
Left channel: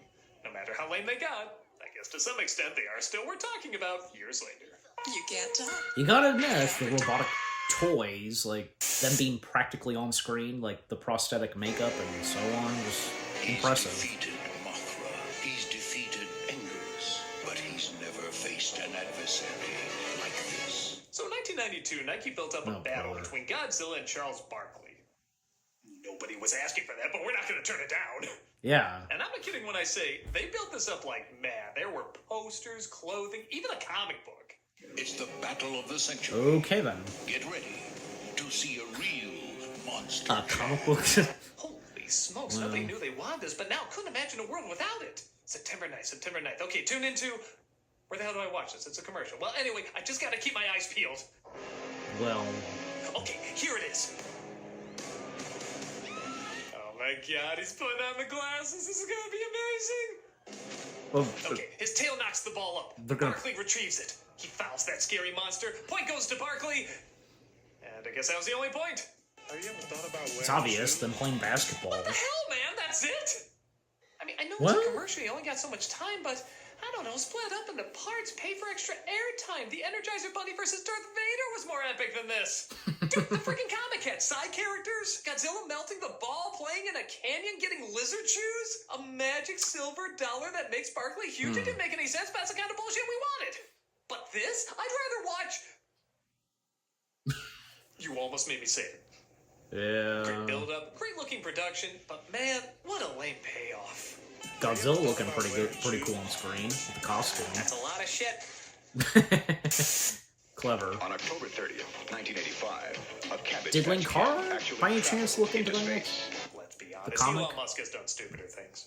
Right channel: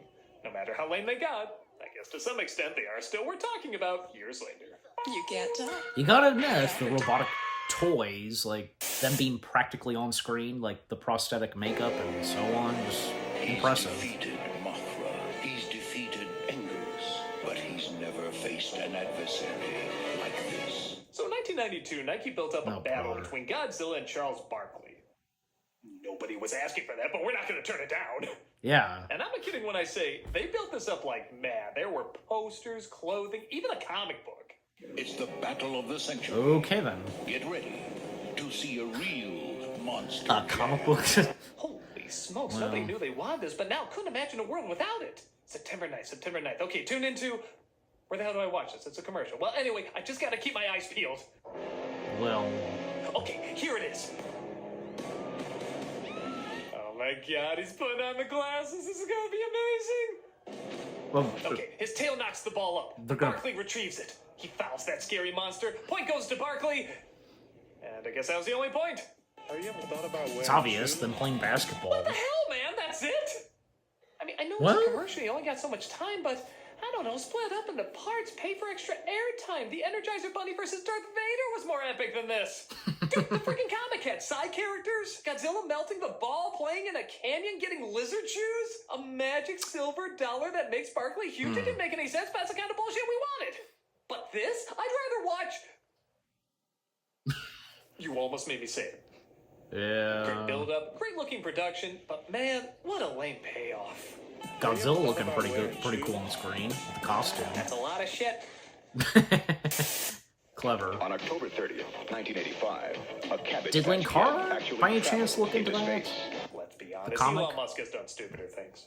No matter how lame they got, I guess to some extent they are still worth talking about years later. You can't tell. You gotta admit, the robotic toys, like them being practically on screen, like the prosthetic makeup and so on, just impressive. He's defeated Mothra. He's defeated Engels. But he's never faced an adversary Sammy, like this. So in 1992, Nike built up a Oh, battle brother. between Godzilla and Charles Barkley. Nobody was asking for that, but we're not going to turn it down. Yeah. And I'm not kidding when I say they built this up like mad. There were posters, clothing, even a comic book. It's the battle of the century. Okay then. Get ready to see a real monster. Comic book. Holy smokes, Wow. nobody knew they wanted this, but now couldn't imagine a world without it. September 9th. Okay, tune into... Where the hell do I watch this? It's a commercial. Well, anyway, I just gotta keep my eyes peeled. Well, Okay, here it is. Oh my god, he's putting on the glasses. This is gonna be amazing. well, Okay, his tail knocks the ball up. They're gonna- Barkley retrieves it. He fouls that scary monster. Point goes to Barkley. And I guess that was the only point. Have you ever thought about wearing it's obvious. Them playing basketball. What the hell, man? That's it? I mean, I know What? it's a commercial. You only got so much time, but I don't know. Split up into parts. Pay for extra airtime. The Energizer Bunny versus Darth Vader was more epic than this. Dude, the freaking comic had side characters. Godzilla melting the ball, playing in a canyon, getting lizard shoes. A magic silver dollar that makes Barkley huge. It didn't make any sense, but that's the kind of bullshit we wanted. But this, I'd rather watch... You almost made me say it. Great Yeah. build-up, great-looking production, but man, what a lame payoff. Godzilla looking pretty good, pretty cool on screen with the costume. That's a lot of shit. Clever. On October 30th, 1985, a Cabbage Did Patch Linkara, kid actually by any traveled chance, look into that? space. Let's be honest, The comic? Elon Musk has done stupider things.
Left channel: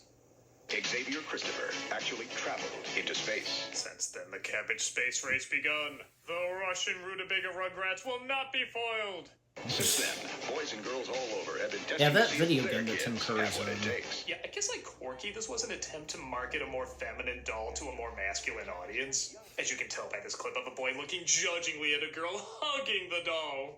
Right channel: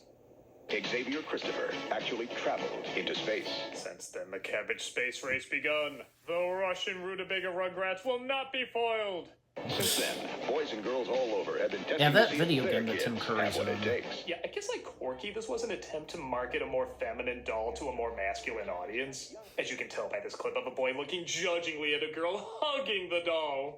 Xavier Christopher actually traveled into space. Since then, the cabbage space race begun. The Russian rutabaga rugrats will not be foiled. Since then, boys and girls all over have been testing Yeah, that to see video if their game that kids Tim Curry's have what it in. takes. Yeah, I guess like Corky, this was an attempt to market a more feminine doll to a more masculine audience. As you can tell by this clip of a boy looking judgingly at a girl hugging the doll.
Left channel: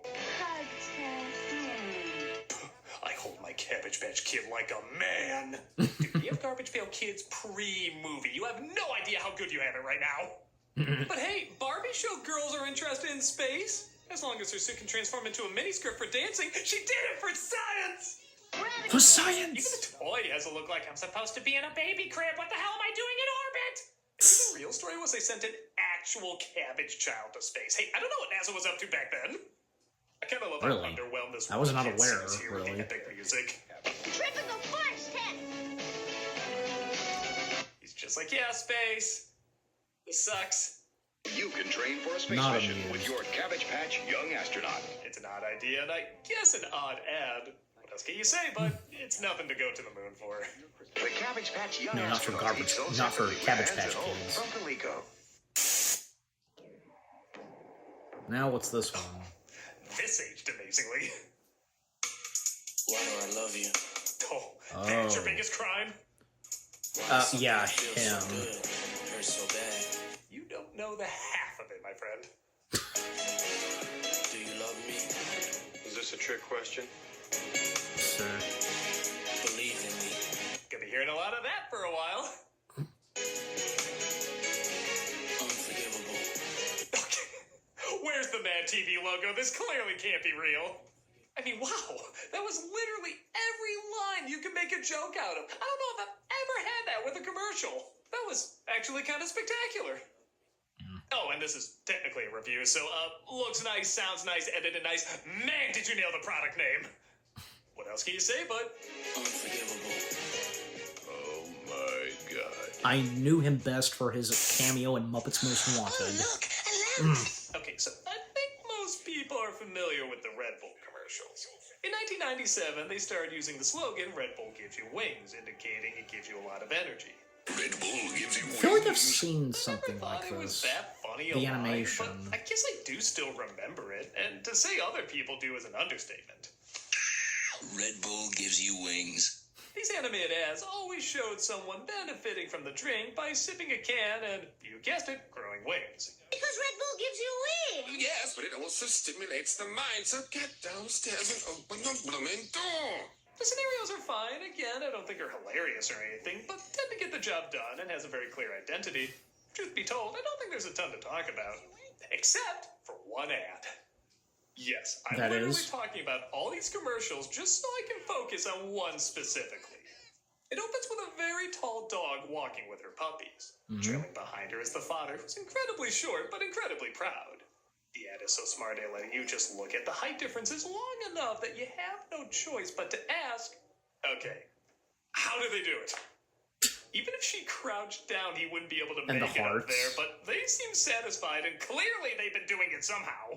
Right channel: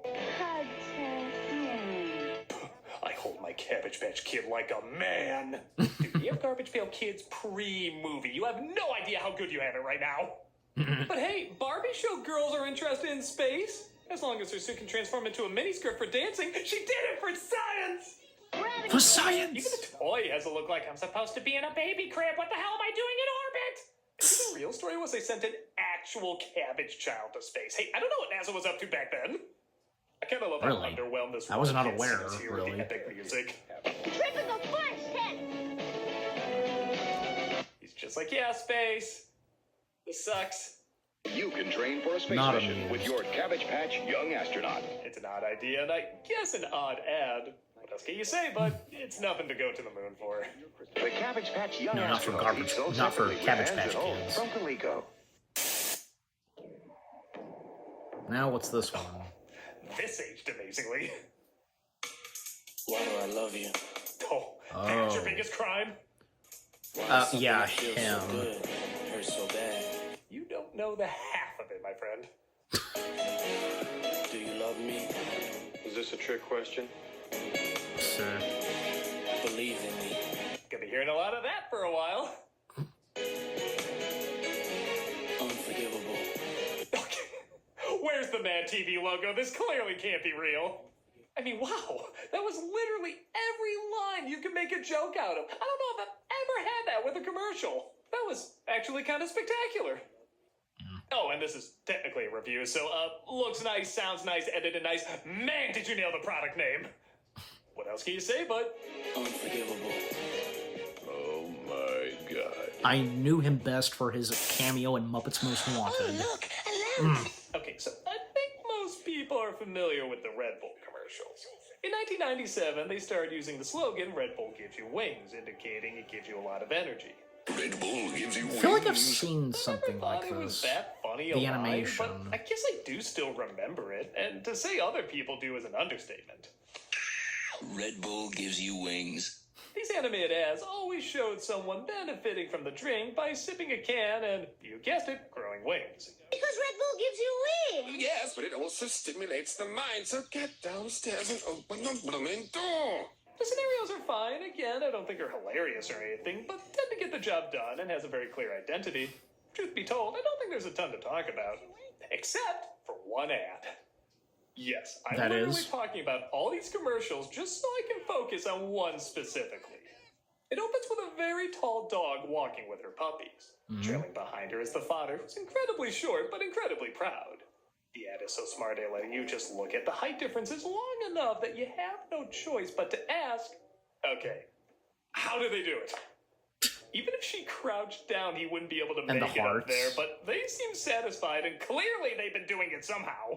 I hold my Cabbage Patch Kid like a man. Dude, we have Garbage Pail Kids pre-movie. You have no idea how good you have it right now. But hey, Barbie showed girls are interested in space. As long as her suit can transform into a miniskirt for dancing, she did it for science! For science! Even the toy has to look like I'm supposed to be in a baby crib. What the hell am I doing in orbit? The real story was they sent an actual cabbage child to space. Hey, I don't know what NASA was up to back then. I kind of love Really? how underwhelmed this I was not kid aware, seems here with really. the epic music. Triple flash test. He's just like, yeah, space. This sucks. You can train for a space Not mission amused. with your Cabbage Patch Young Astronaut. It's an odd idea, and I guess an odd ad. What else can you say, but it's nothing to go to the moon for. The Cabbage Patch Young No, not for Astronaut garbage, sells not for separately Cabbage and Patch home Kids. from Honeycomb. Now what's this one? This aged amazingly. Laura, I love you. Oh, that's your Oh. biggest crime? Yeah, Feels so him. good. Hurts so bad. You don't know the half of it, my friend. Do you love me? Is this a trick question? Sure. Believe in me. Gonna be hearing a lot of that for a while. Unforgivable. Where's the Mad TV logo? This clearly can't be real. I mean, wow, that was literally every line you could make a joke out of. I don't know if I've ever had that with a commercial. That was actually kind of spectacular. Oh, and this is technically a review, so, looks nice, sounds nice, edited nice. Man, did you nail the product name. What else can you say, bud? Unforgivable. Oh my god. I knew him best for his cameo in Muppets Most Wanted. Okay, so I think most people are familiar with the Red Bull commercials. In 1997, they started using the slogan, Red Bull gives you wings, indicating it gives you a lot of energy. Red Bull gives you I feel like I've wings. seen something Never like thought it was this. that funny a The line, animation. but I guess I do still remember it, and to say other people do is an understatement. Red Bull gives you wings. These animated ads always showed someone benefiting from the drink by sipping a can and, you guessed it, growing wings. Because Red Bull gives you wings. Yes, but it also stimulates the mind, so get downstairs and open the blooming door. The scenarios are fine. Again, I don't think they're hilarious or anything, but tend to get the job done and has a very clear identity. Truth be told, I don't think there's a ton to talk about. Except for one ad. Yes, I'm That literally is? talking about all these commercials just so I can focus on one specifically. It opens with a very tall dog walking with her puppies. Trailing behind reminder is the father, who's incredibly short but incredibly proud. The ad is so smart at letting you just look at the height differences long enough that you have no choice but to ask, okay, how do they do it? Even if she crouched down, he wouldn't be able to And make the it up hearts. there, but they seem satisfied, and clearly they've been doing it somehow.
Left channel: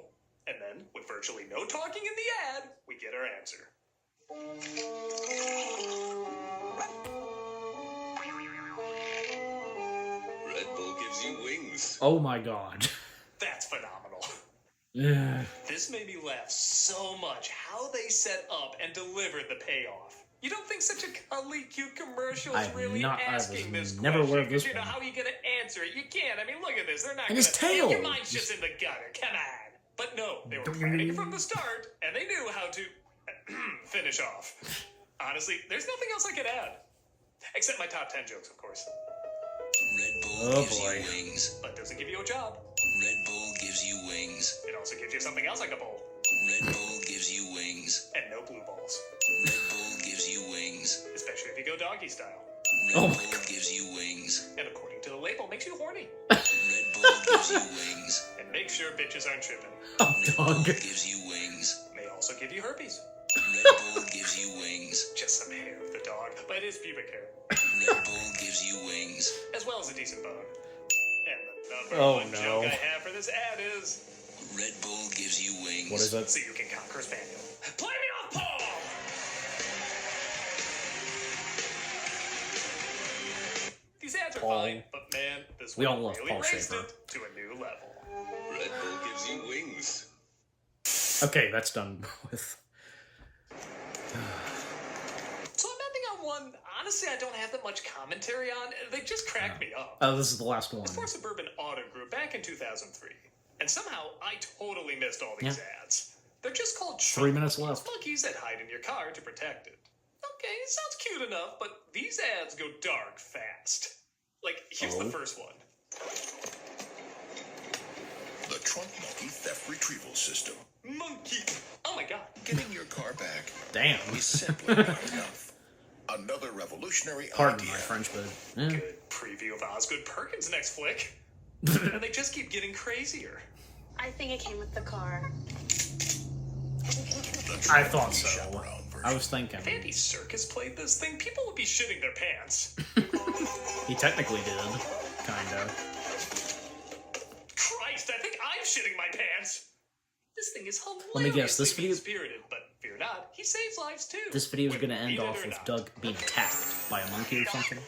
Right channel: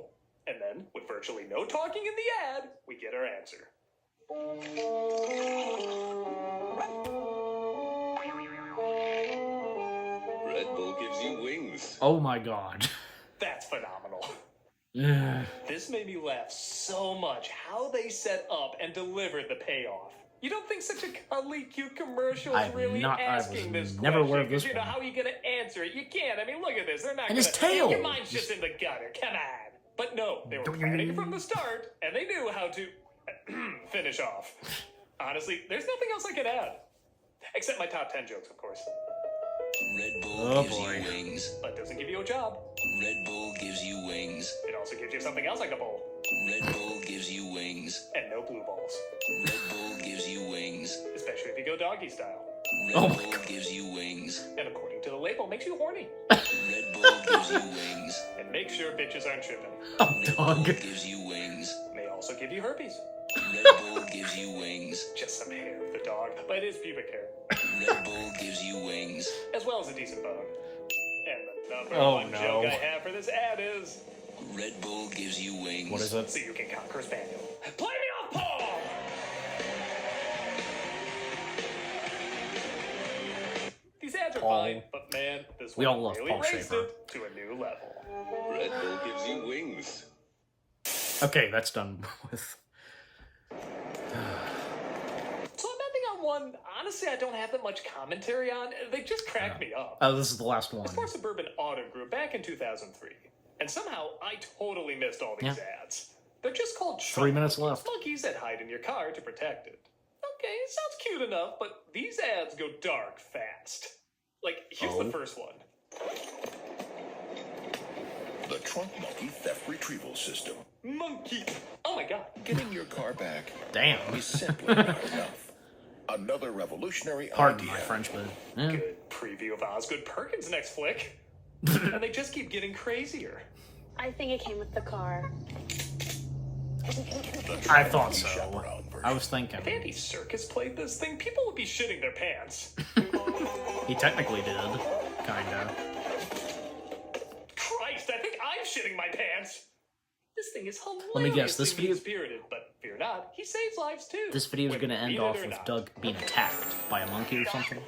And then, with virtually no talking in the ad, we get our answer. Red Bull gives you wings. Oh my god. That's phenomenal. Yeah. This made me laugh so much how they set up and delivered the payoff. You don't think such a cuddly, cute commercial is really asking this never aware of question, 'cause this you know, one. how are you going to answer it? You can't. I mean, look at this. They're not And gonna, his tail. Your mind's just in the gutter. Come on. But no, they were planning from the start, and they knew how to finish off. Honestly, there's nothing else I could add. Except my top 10 jokes, of course. Red Bull Oh gives boy. you wings. But doesn't give you a job. Red Bull gives you wings. It also gives you something else like a bowl. Red Bull gives you wings. And no blue balls. Red Bull gives you wings. Especially if you go doggy style. Red Oh Bull my God. gives you wings. And according to the label, makes you horny. Red Bull gives you wings. And make sure bitches aren't tripping. Oh, Red dog. Bull gives you wings. May also give you herpes. Red Bull gives you wings. Just some hair of the dog, but it is pubic hair. Red Bull gives you wings. As well as a decent bone. And the number Oh, one no. joke I have for this ad is... Red Bull gives you wings. What is it? So you can conquer Spaniel. Play me off, Paul! These ads are Paul. fine, but man, this We one all love really Paul raised Schaefer. it to a new level. Red Bull gives you wings. Okay, that's done with. So I'm ending on one, honestly, I don't have that much commentary on. They just cracked me up. Oh, this is the last one. It's for Suburban Auto Group back in 2003. And somehow I totally missed all these ads. They're just called 3 minutes chunk left. monkeys that hide in your car to protect it. Okay, it sounds cute enough, but these ads go dark fast. Like, here's the first one. The Trunk Monkey Theft Retrieval System. Monkey! Oh my god. Getting your car back Damn. is simply not enough. Another revolutionary Pardon idea. my French, but yeah. Good preview of Osgood Perkins' next flick. And they just keep getting crazier. I think it came with the car. I thought so. I was thinking. If Andy Serkis played this thing, people would be shitting their pants. He technically did. Kinda. Christ, I think I'm shitting my pants. This thing is hilarious. Let me guess, this video- Spirited, but fear not, he saves lives too. This video is gonna end Either off or with not. Doug being attacked by a monkey or something.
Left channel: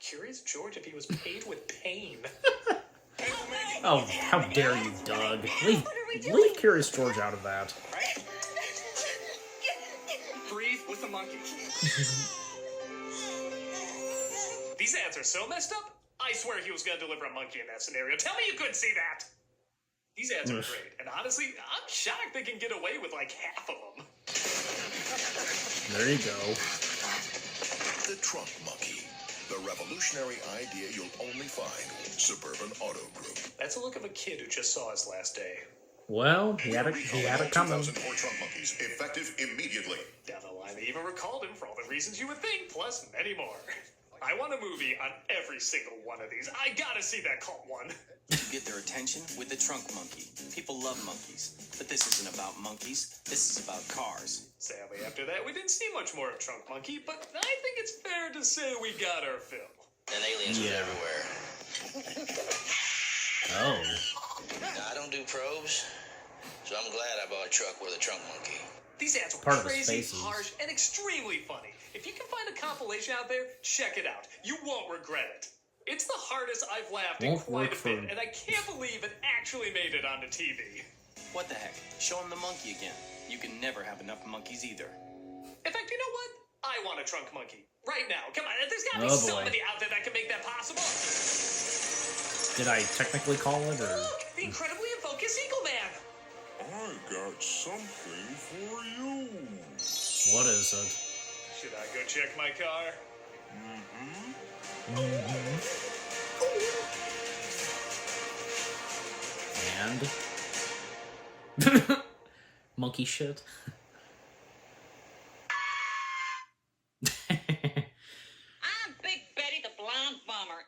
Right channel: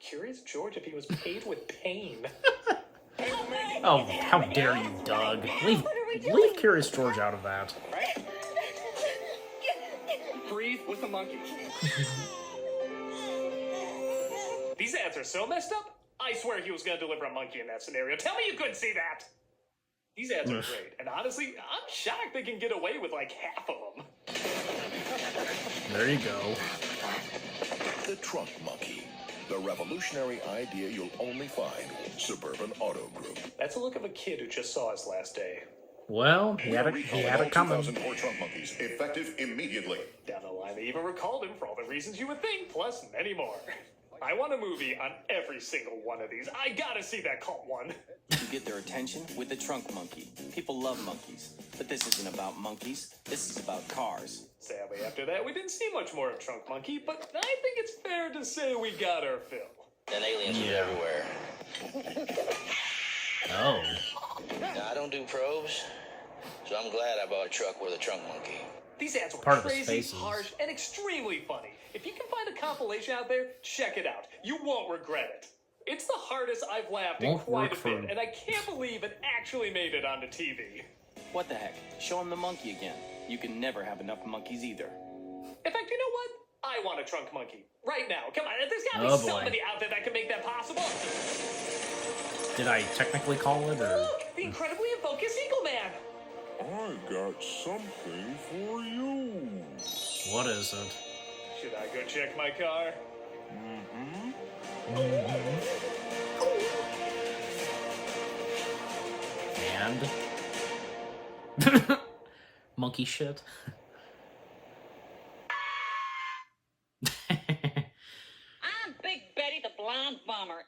Curious George if he was paid with pain. Oh, how dare you, Doug. Leave Curious George out of that. Breathe with the monkey. These ads are so messed up, I swear he was going to deliver a monkey in that scenario. Tell me you couldn't see that! These ads are great, and honestly, I'm shocked they can get away with like half of them. There you go. The Trunk Monkey. The revolutionary idea you'll only find in Suburban Auto Group. That's a look of a kid who just saw his last day. Well, he had it coming. 2004 Trunk Monkeys, effective immediately. Down the line, they even recalled him for all the reasons you would think, plus many more. I want a movie on every single one of these. I gotta see that cult one. You get their attention with the trunk monkey. People love monkeys. But this isn't about monkeys. This is about cars. Sadly, after that, we didn't see much more of Trunk Monkey, but I think it's fair to say we got our fill. And aliens Yeah. everywhere. Oh. I don't do probes, so I'm glad I bought a truck with a trunk monkey. These ads were Part of his crazy, faces. harsh, and extremely funny. If you can find a compilation out there, check it out. You won't regret it. It's the hardest I've laughed in Won't quite work a for- bit, and I can't believe it actually made it onto TV. What the heck? Show him the monkey again. You can never have enough monkeys either. In fact, you know what? I want a Trunk Monkey. Right now. Come on, there's gotta Oh, be boy. somebody out there that can make that possible. Did I technically call it, or? Look, the incredibly Focus Eagle Man. I got something for you. What is it? Should I go check my car? And? Monkey shit. I'm Big Trunk bomber.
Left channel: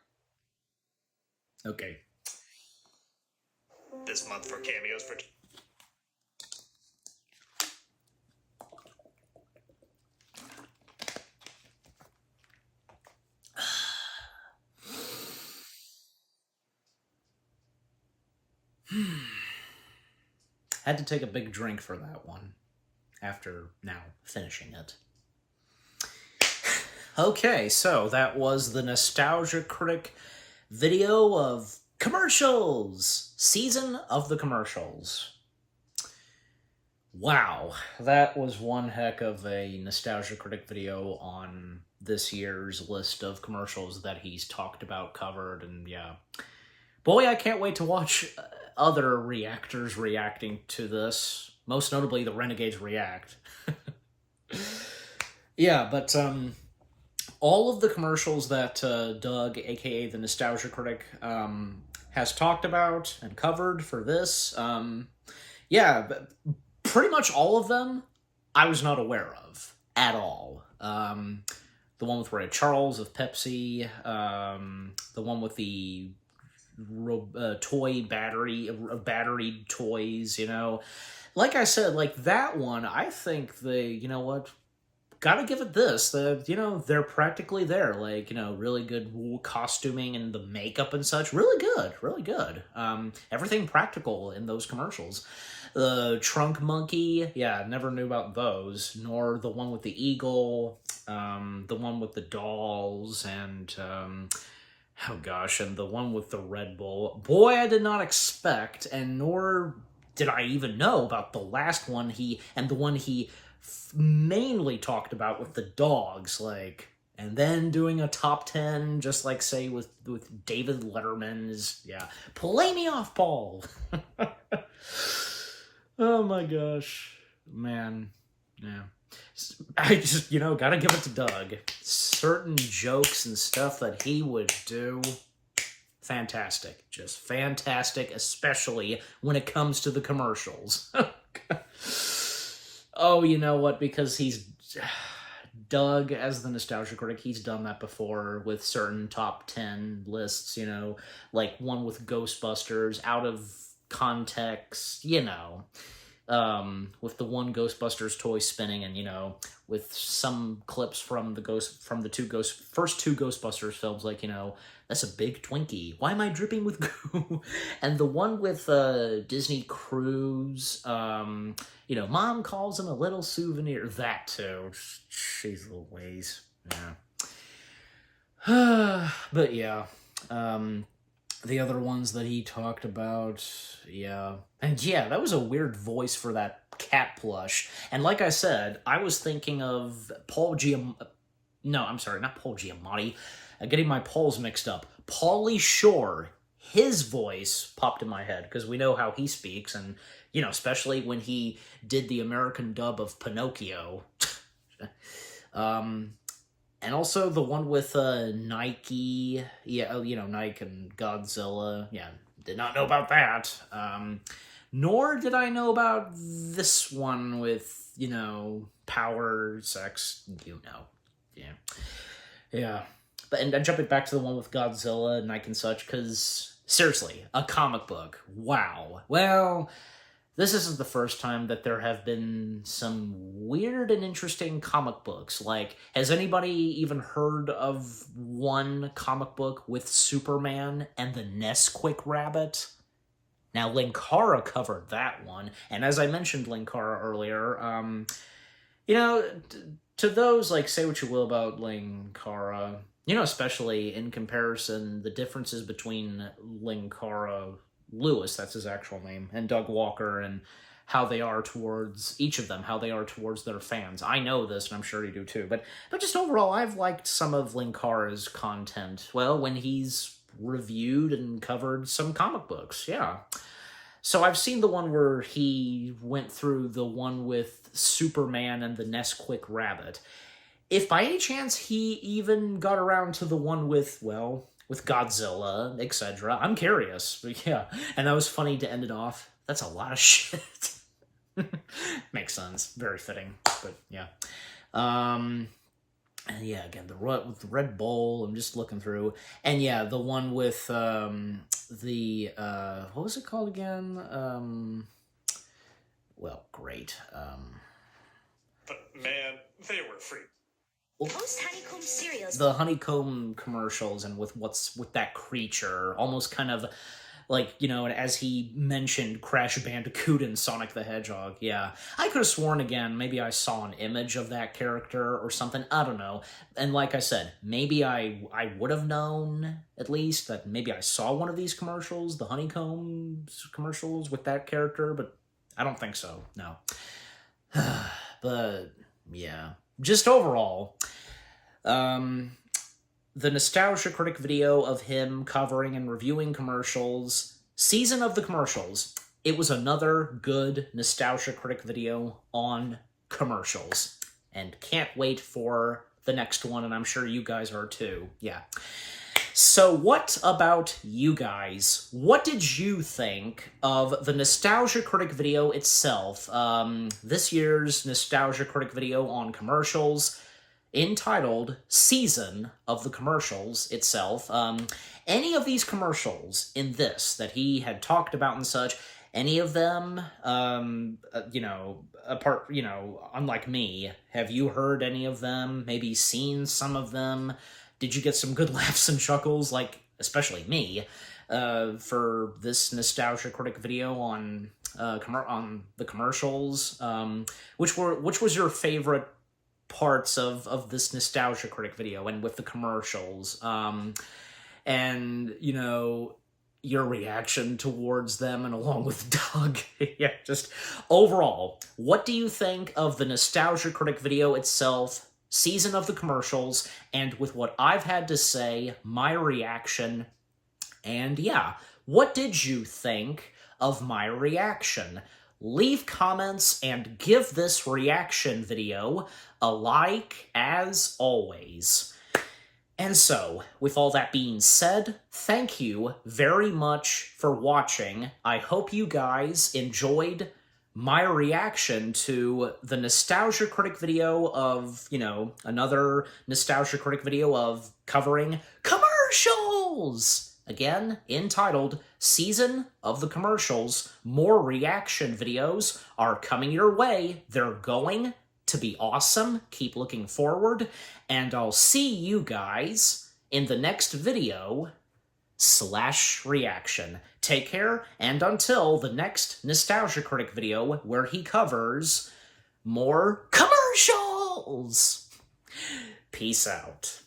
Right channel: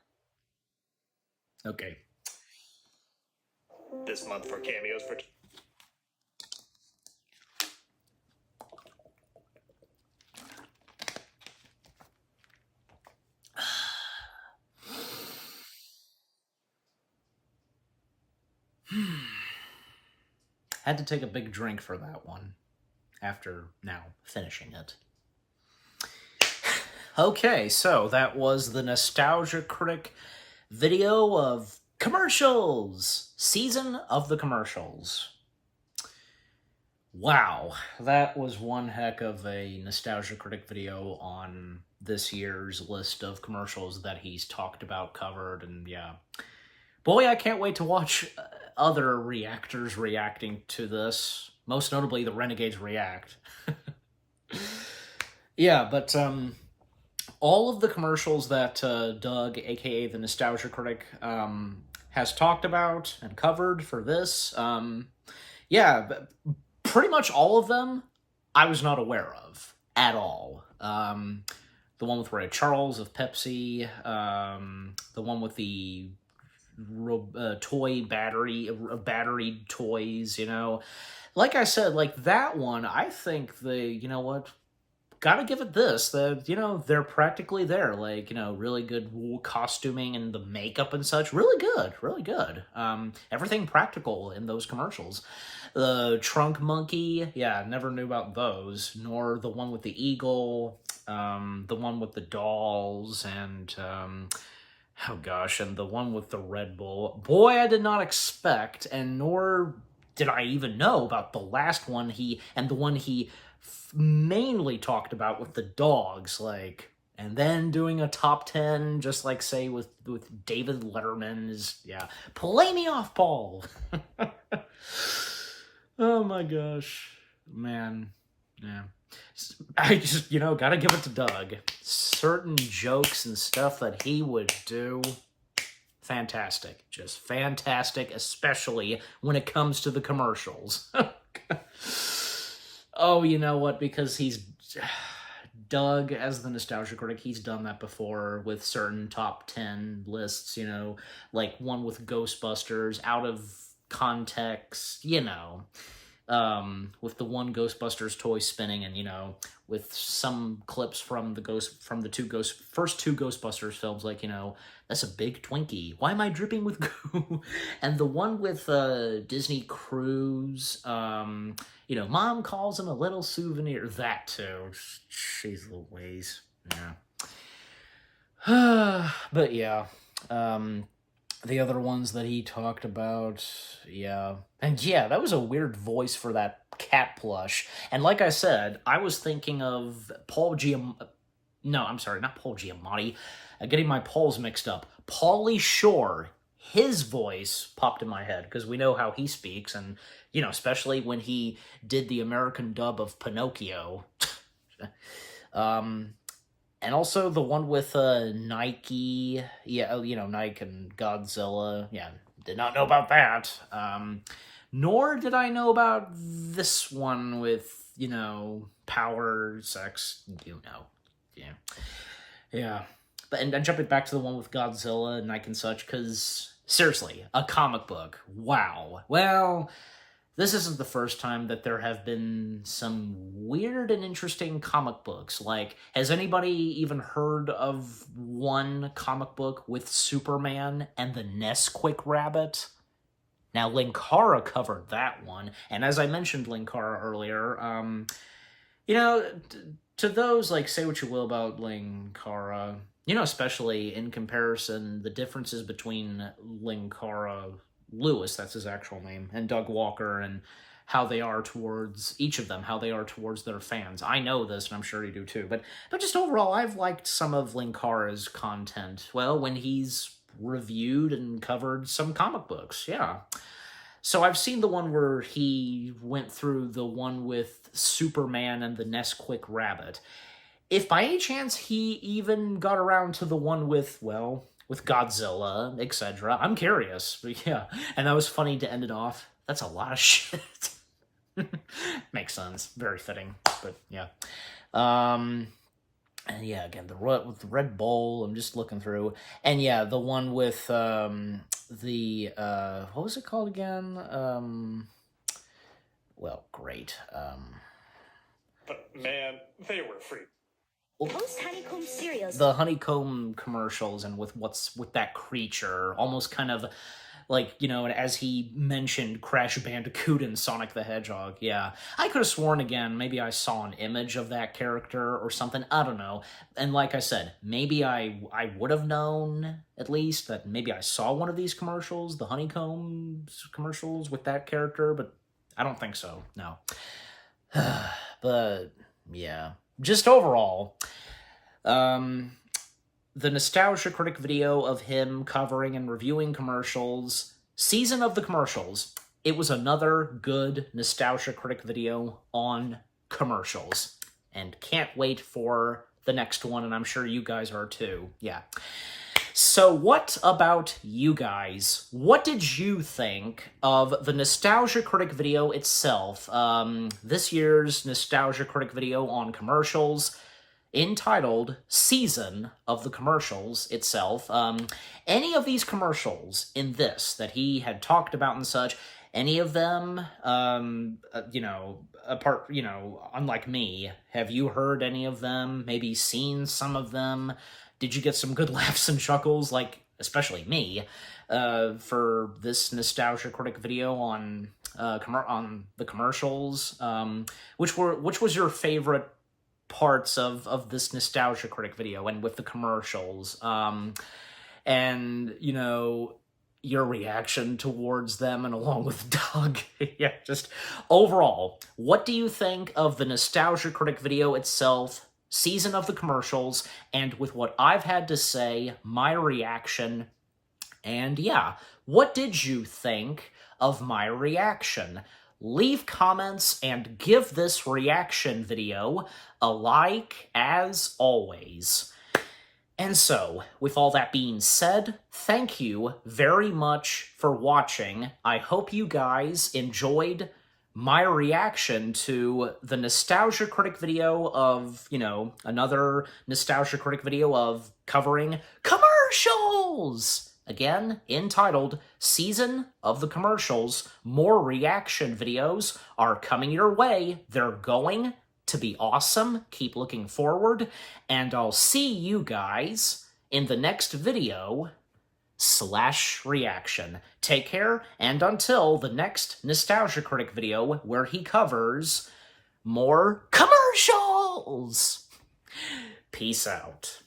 Okay. This month for cameos for... Had to take a big drink for that one, after now finishing it. Okay, so that was the Nostalgia Critic video of commercials! Season of the commercials. Wow, that was one heck of a Nostalgia Critic video on this year's list of commercials that he's talked about, covered, and yeah. Boy, I can't wait to watch other reactors reacting to this. Most notably, the Renegades React. Yeah, but all of the commercials that Doug, aka the Nostalgia Critic, has talked about and covered for this, yeah, pretty much all of them I was not aware of at all. The one with Ray Charles of Pepsi, the one with the toy battery toys, you know. Like I said, like that one, I think you know what, gotta give it this, you know, they're practically there, like, you know, really good costuming and the makeup and such, really good. Everything practical in those commercials. The Trunk Monkey, yeah, never knew about those, nor the one with the eagle, the one with the dolls, and, oh gosh, and the one with the Red Bull. Boy, I did not expect, and nor did I even know about the last one and the one he mainly talked about with the dogs, like, and then doing a top 10, just like, say, with David Letterman's, yeah, play me off, Paul. Oh my gosh, man, yeah. I just, you know, gotta give it to Doug. Certain jokes and stuff that he would do, fantastic. Just fantastic, especially when it comes to the commercials. Oh, you know what? Because he's... Doug, as the Nostalgia Critic, he's done that before with certain top 10 lists, you know, like one with Ghostbusters, out of context, you know, with the one Ghostbusters toy spinning, and, you know, with some clips from the first two Ghostbusters films, like, you know, that's a big Twinkie. Why am I dripping with goo? And the one with Disney Cruise, you know, Mom calls him a little souvenir. That too. Jeez Louise. Yeah. But yeah. The other ones that he talked about, yeah. And yeah, that was a weird voice for that cat plush. And like I said, I was thinking of Paul Giamatti. No, I'm sorry, not Paul Giamatti. I'm getting my Pauls mixed up. Pauly Shore. His voice popped in my head, because we know how he speaks, and, you know, especially when he did the American dub of Pinocchio. And also the one with Nike, yeah, you know, Nike and Godzilla, yeah, did not know about that. Nor did I know about this one with, you know, power, sex, you know, yeah. Yeah, but, and jumping back to the one with Godzilla, Nike and such, because, seriously, a comic book, wow. Well, this isn't the first time that there have been some weird and interesting comic books. Like, has anybody even heard of one comic book with Superman and the Nesquik Rabbit? Now, Linkara covered that one, and as I mentioned Linkara earlier, you know, to those, like, say what you will about Linkara, you know, especially in comparison, the differences between Linkara Lewis, that's his actual name, and Doug Walker, and how they are towards each of them, how they are towards their fans. I know this, and I'm sure you do too, but just overall, I've liked some of Linkara's content, well, when he's reviewed and covered some comic books, yeah. So I've seen the one where he went through the one with Superman and the Nesquik Rabbit. If by any chance he even got around to the one with, well, with Godzilla, etc. I'm curious, but yeah. And that was funny to end it off. That's a lot of shit. Makes sense. Very fitting, but yeah. And yeah, again, with the Red Bull, I'm just looking through. And yeah, the one with what was it called again? Well, great. Man, they were free. Most honeycomb cereals. The Honeycomb commercials, and with that creature, almost kind of like, you know, as he mentioned, Crash Bandicoot and Sonic the Hedgehog. Yeah, I could have sworn again, maybe I saw an image of that character or something. I don't know. And like I said, maybe I would have known, at least, that maybe I saw one of these commercials, the Honeycomb commercials with that character, but I don't think so, no. But, yeah. Just overall, the Nostalgia Critic video of him covering and reviewing commercials, season of the commercials, it was another good Nostalgia Critic video on commercials. And can't wait for the next one, and I'm sure you guys are too. Yeah. So what about you guys? What did you think of the Nostalgia Critic video itself? This year's Nostalgia Critic video on commercials, entitled Season of the Commercials itself. Any of these commercials in this that he had talked about and such, any of them, unlike me, have you heard any of them? Maybe seen some of them? Did you get some good laughs and chuckles, like, especially me, for this Nostalgia Critic video on the commercials? Which was your favorite parts of this Nostalgia Critic video and with the commercials? And, you know, your reaction towards them, and along with Doug. Yeah, just overall, what do you think of the Nostalgia Critic video itself, season of the commercials, and with what I've had to say, my reaction? And yeah, what did you think of my reaction? Leave comments and give this reaction video a like, as always. And so, with all that being said, thank you very much for watching. I hope you guys enjoyed my reaction to the Nostalgia Critic video of, you know, another Nostalgia Critic video of covering commercials! Again, entitled Season of the Commercials. More reaction videos are coming your way. They're going to be awesome. Keep looking forward, and I'll see you guys in the next video / reaction. Take care, and until the next Nostalgia Critic video where he covers more commercials. Peace out.